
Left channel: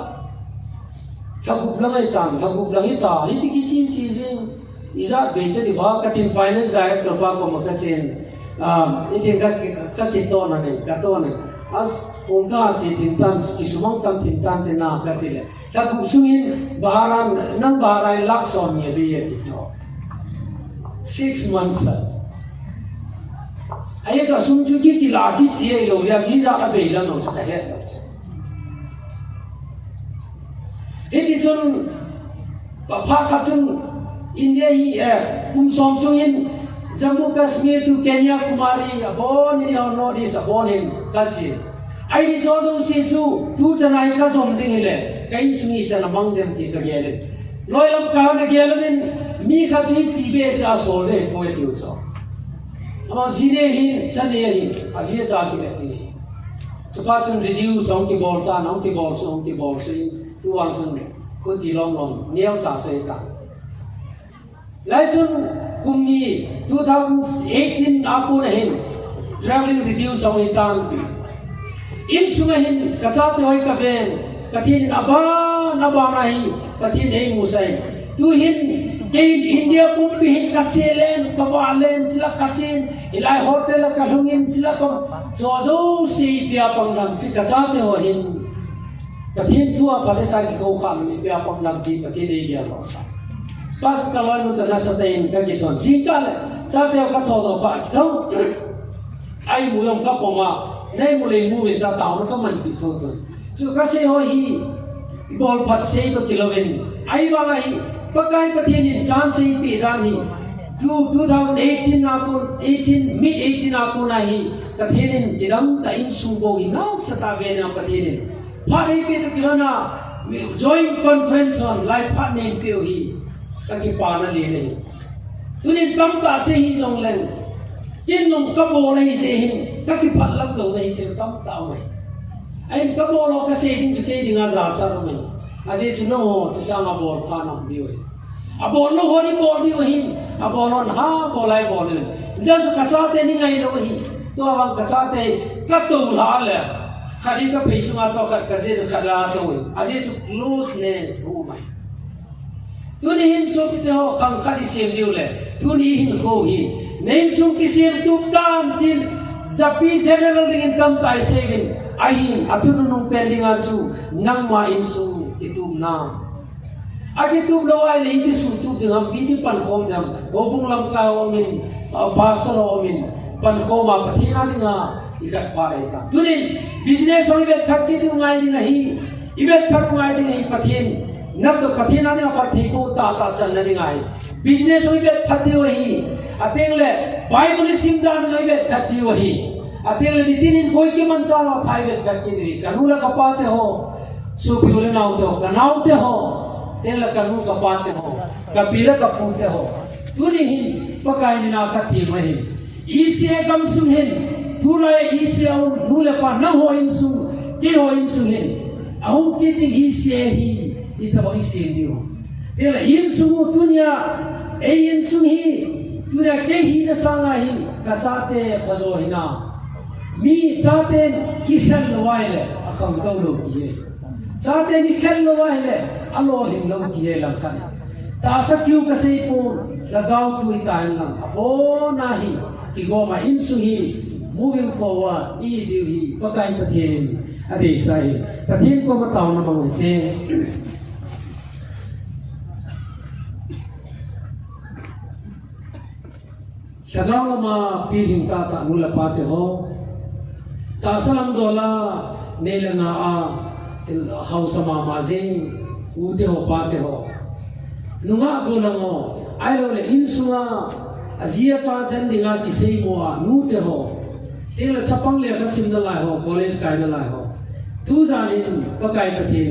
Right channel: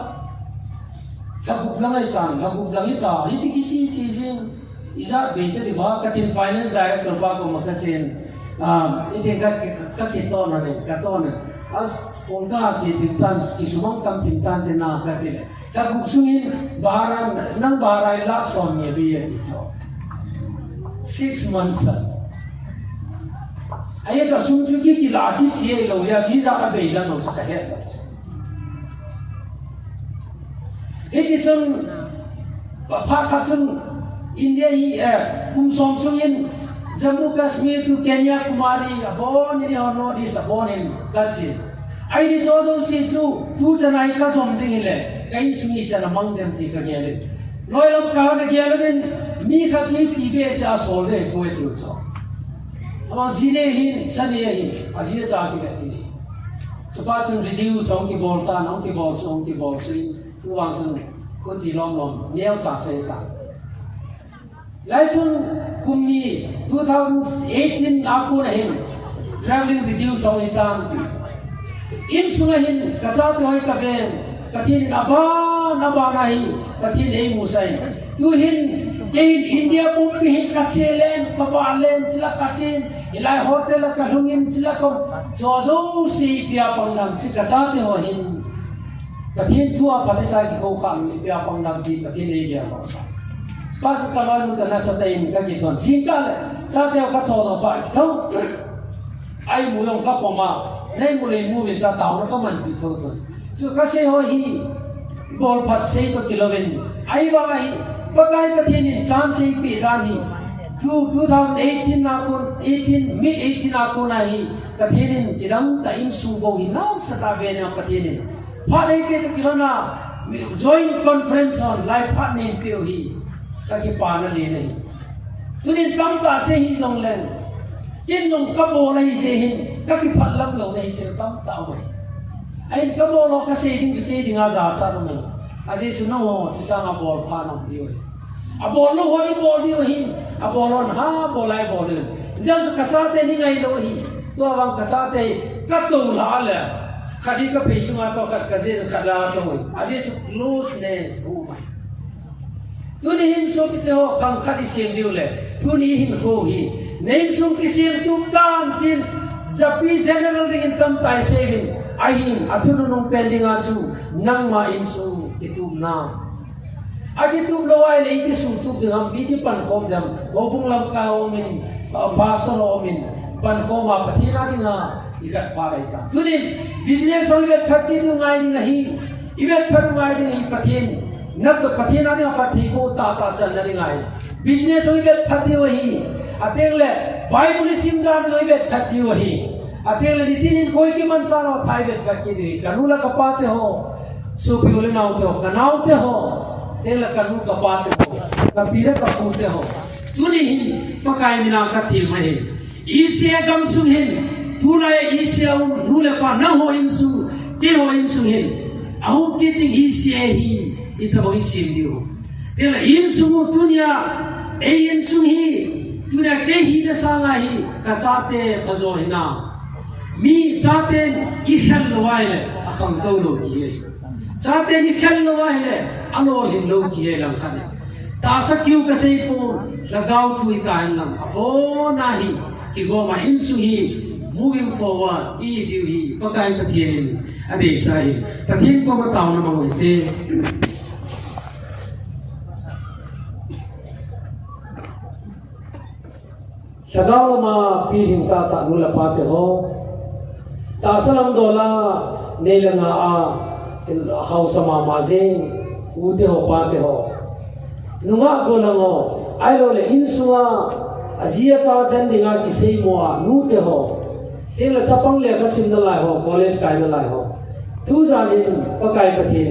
thakup langai tan thakup langai ta ni ti ki chi chi jing Iza bete di bawah katin finance director pa ko makachin iti ka kitona ni katona as pungka si tintan kisumang tam tintan tina katile tapos sungin baharan nang baharay lakson niya biya dito 6 months ay sa sungjuki kilaki siya ilo ya jiza ka bela no sa kahit iti chun papakatun India hi som in Jammu Kashmir to Kenya Kumari abon ni North East abon in kachi ai di jodo si tu janai ka som ding ile kai smi chana mang dem ti ka gele loyal ka na gele min mi ka ti ti be sa so de ko e tu so ama jine hi chane hi aji cha ki ti chapa chun reduce on ki bol ta no ki bol so ki bol si tu ang sun ko ti long long niao cha se ta Lai chun kumni 2018 aku nahin traveling reduce au itang pi in sungahin kachate hoi ka ben katin aba rahi katin ei musai tu hin in India kumpi hin kachelen pawalen chila kachin ilai hotel ka hungin chila ko jojo si pia pangnam chi kachate ho hin katin thua palesa ki ko kham ni pia pangnam di katin ei ya sa pas kawan ka nasa tayin ka kiton singkal sa teo ka thodo pa thau ai mu yong ka poma nei mu le mu win ta taw na ka man pi thodo so kasi ho hi bol phat sei to kiloven ai wa ai pakai ka thin in chance sei pi rani 2018 na ko 18 mid 18 na ko na hi ka thin in tidang ta in su go hi na sa ta ve na ka thin in pha dei pe to kilona joint conference on life partner pe hi kaki pana le nei tunin kam ta se hi jong len kin nong ka bo nei se hi kaki phalak lo nei chen kam ta mai ai ka bo lo ka se ding ke ding a za cha mai aje chu no chi sang a bol pa no di oi a bol no ho ni bol di oi a bol on ha bol ai bol ni jang ka cha te ni ngai lo hi to awang ka cha te ka tu la le khadi ka pe chu ma to khat ka je khala choi aje chu looseness ho mai tuni hin so pite ho khang khadi sem diu le tuni hin ho hi nei sum ki sem tum tam tin zapi general ding tam tai sevin ai hin atunu nung pending a chu nang ma in su itum na agi tum lo ai le ti su tu ding ham bi ti pan khom jam gobung lam ka o min pa so o min pan khom ma pathina dinga ikat pa ai ta tuni business ho ve thakti tu ngai ding hi ivet thak ngai ding hi pathin nab to pathina ni pathi ko ta chan na ngai business hoi bet phati hi atel le bible sim dam loi bet phati hi atel le tin koi ki man cha no thai bet ka ki ri kanu la kapate ho so pi le nau to kanau te ho tel la kanu kapate ho kapila ka phute ho tuni hi pakai mina ka ti mai isia gam su hin thula isia nu le pa na ho in su ti ho in su hin au ti ti isia hi ita bagi sim diu dia in sumu dunia in sum hi tu ne ke hi na sanga hi ka chate phazo hi na mi chate i khal lawai le akham to lo ki chate i khal lawai le alo hin lo ki lam khan ta sa kyu ka sei pu lagaw tu i ka nam apo na hi ki go ma in su hi moving forward i diu hi pakai pathin ade sai pathin ko ma taw na ma te Chadao ma piring ta nula pate ho ta salam dola nelanga a house ma mazing ute ho pate ho nunga golango ai lo le insunga azia cha jan dinga ki sei mo nu te ho tela chapang le ka sim na lai ho college kai na lai ho tu janin pakai pathin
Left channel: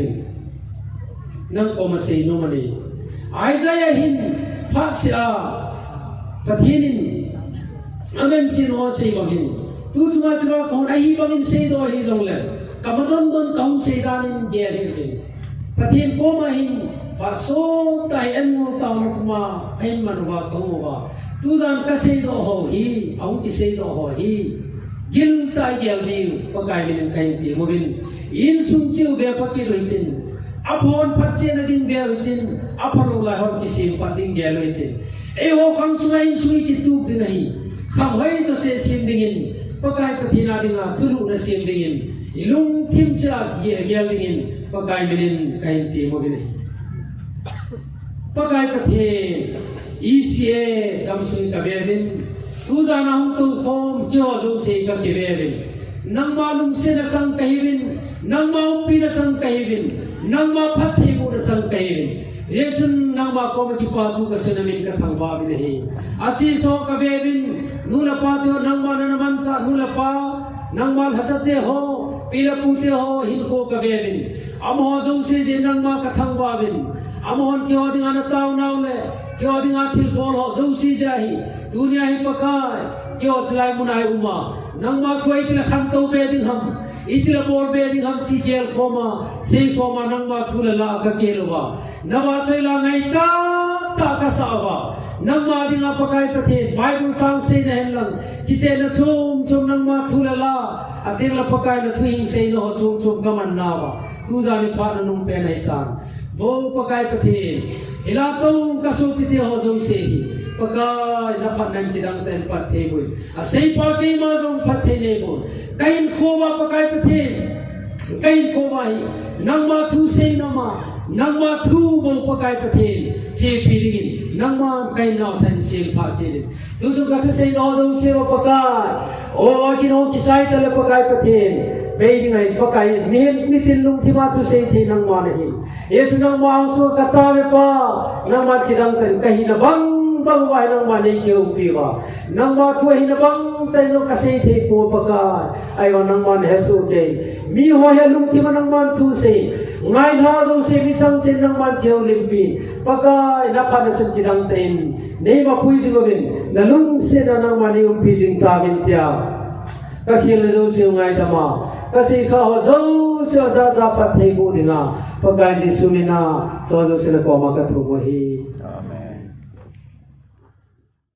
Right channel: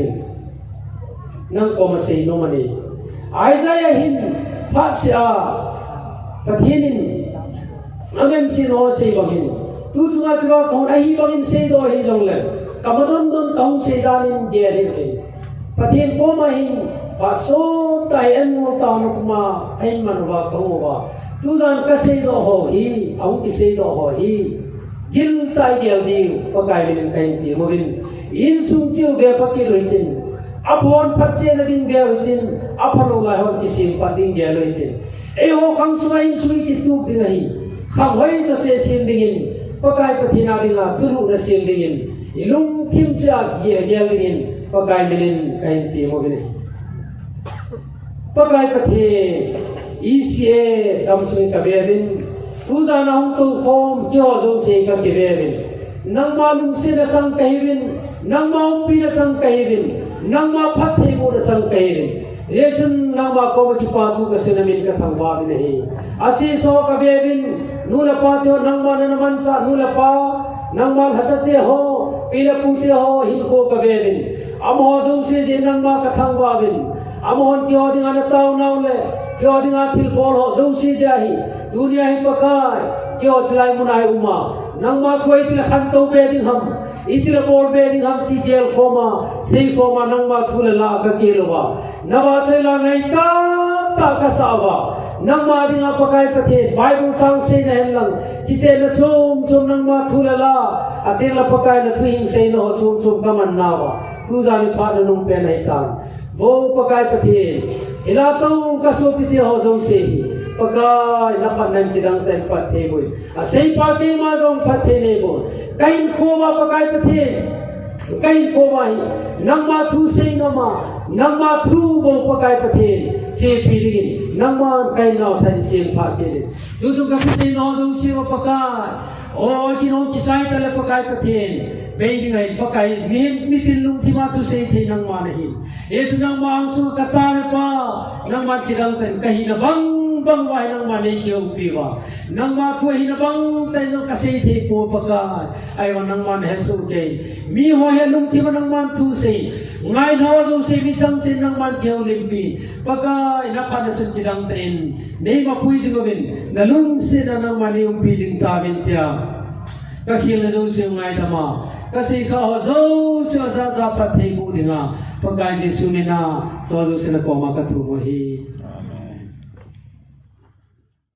nang ko ma sei no mani ai jaya hin pha sia pathinin Amen sin ho sei bangin tu chunga chunga kon ai bangin sei do hi jong le kamadon don tong sei danin ge re pathin ko ma hin fa so tai en mo ta ma hein man wa ko wa tu jan ka sei do ho hi au ki sei do ho hi gil tai gel di pa kai min kai ti mo bin in sung chiu ge pa ki roitin apon patche na din ge roitin apalo la ho ki sim pa din ge roitin e ho khang sui sui ki tu di nahi khang hoi cho che sim dingin pakai pathina dila thuru na sim dingin ilung thim cha ge gel dingin pakai min kai ti mo bin pakai pathe ise dam sui ka be bin tu za na hong tu khom jo zo se ka ke be bin nang ma lung se na chang kai bin nang ma pi na chang kai bin nang ma phat thei mo na chang kai bin Yesun nama ko ki patu ka senamin ka thangwa bi nahi achi so ka be bin nula patu nangma na mancha nula pa nangma hasate ho pila pute ho hin ko ka be bin amho jong se je nangma ka thangwa bin amon ki oding ana taw naule ki oding athil bol ho jong se jahi dunia hi pakai ki o chlai munai uma nangma khoi til khan to be din ham itila bol be din ham ti gel khoma sei khoma nangma thule la ka kelwa Nawa chela ngai ta ka sawa nangma dinga pakai pathe Bible chang se na helang kite na chum nang ma thulala atela pakai na thuing se no chum kaman nawa tu ja mi pa nung pe nai tan wo pakai pathe ila tong ka so ti ho jong se pakai na pa nan kidang ten pathe boy a sei pa ki ma jong pathe ne bo kain khoma pakai pathe kain khoma nangma thu se na ma Nama thu bol pakai pathin che piring nama kai nau than sim pathin tu sung ka sei no jong se pakai o ki no ki chai tale pakai pathin being ai pakai mi tin lung thi ma tu sei thi nang ma nahi yesu nang ma su ka ta me pa nama ki dang ten kahi na bang wai nang ma nei ki u pi wa nang ma thu hi na bang tai no ka sei thi ko pakai ai o nang ma he su ke mi ho he lung thi ma nang ma thu sei ngai no jong se mi chang chen nang man keu limpi pakai na pa na chen kidang ten nei ma pui jing bin na lung se na nang mani um pi jing ta bin tia ka khil jo se ngai ta ma ka se kha ho zo se za za pa thei bu dinga pakai ji sunina so jo se na ko ma ka thu mo hi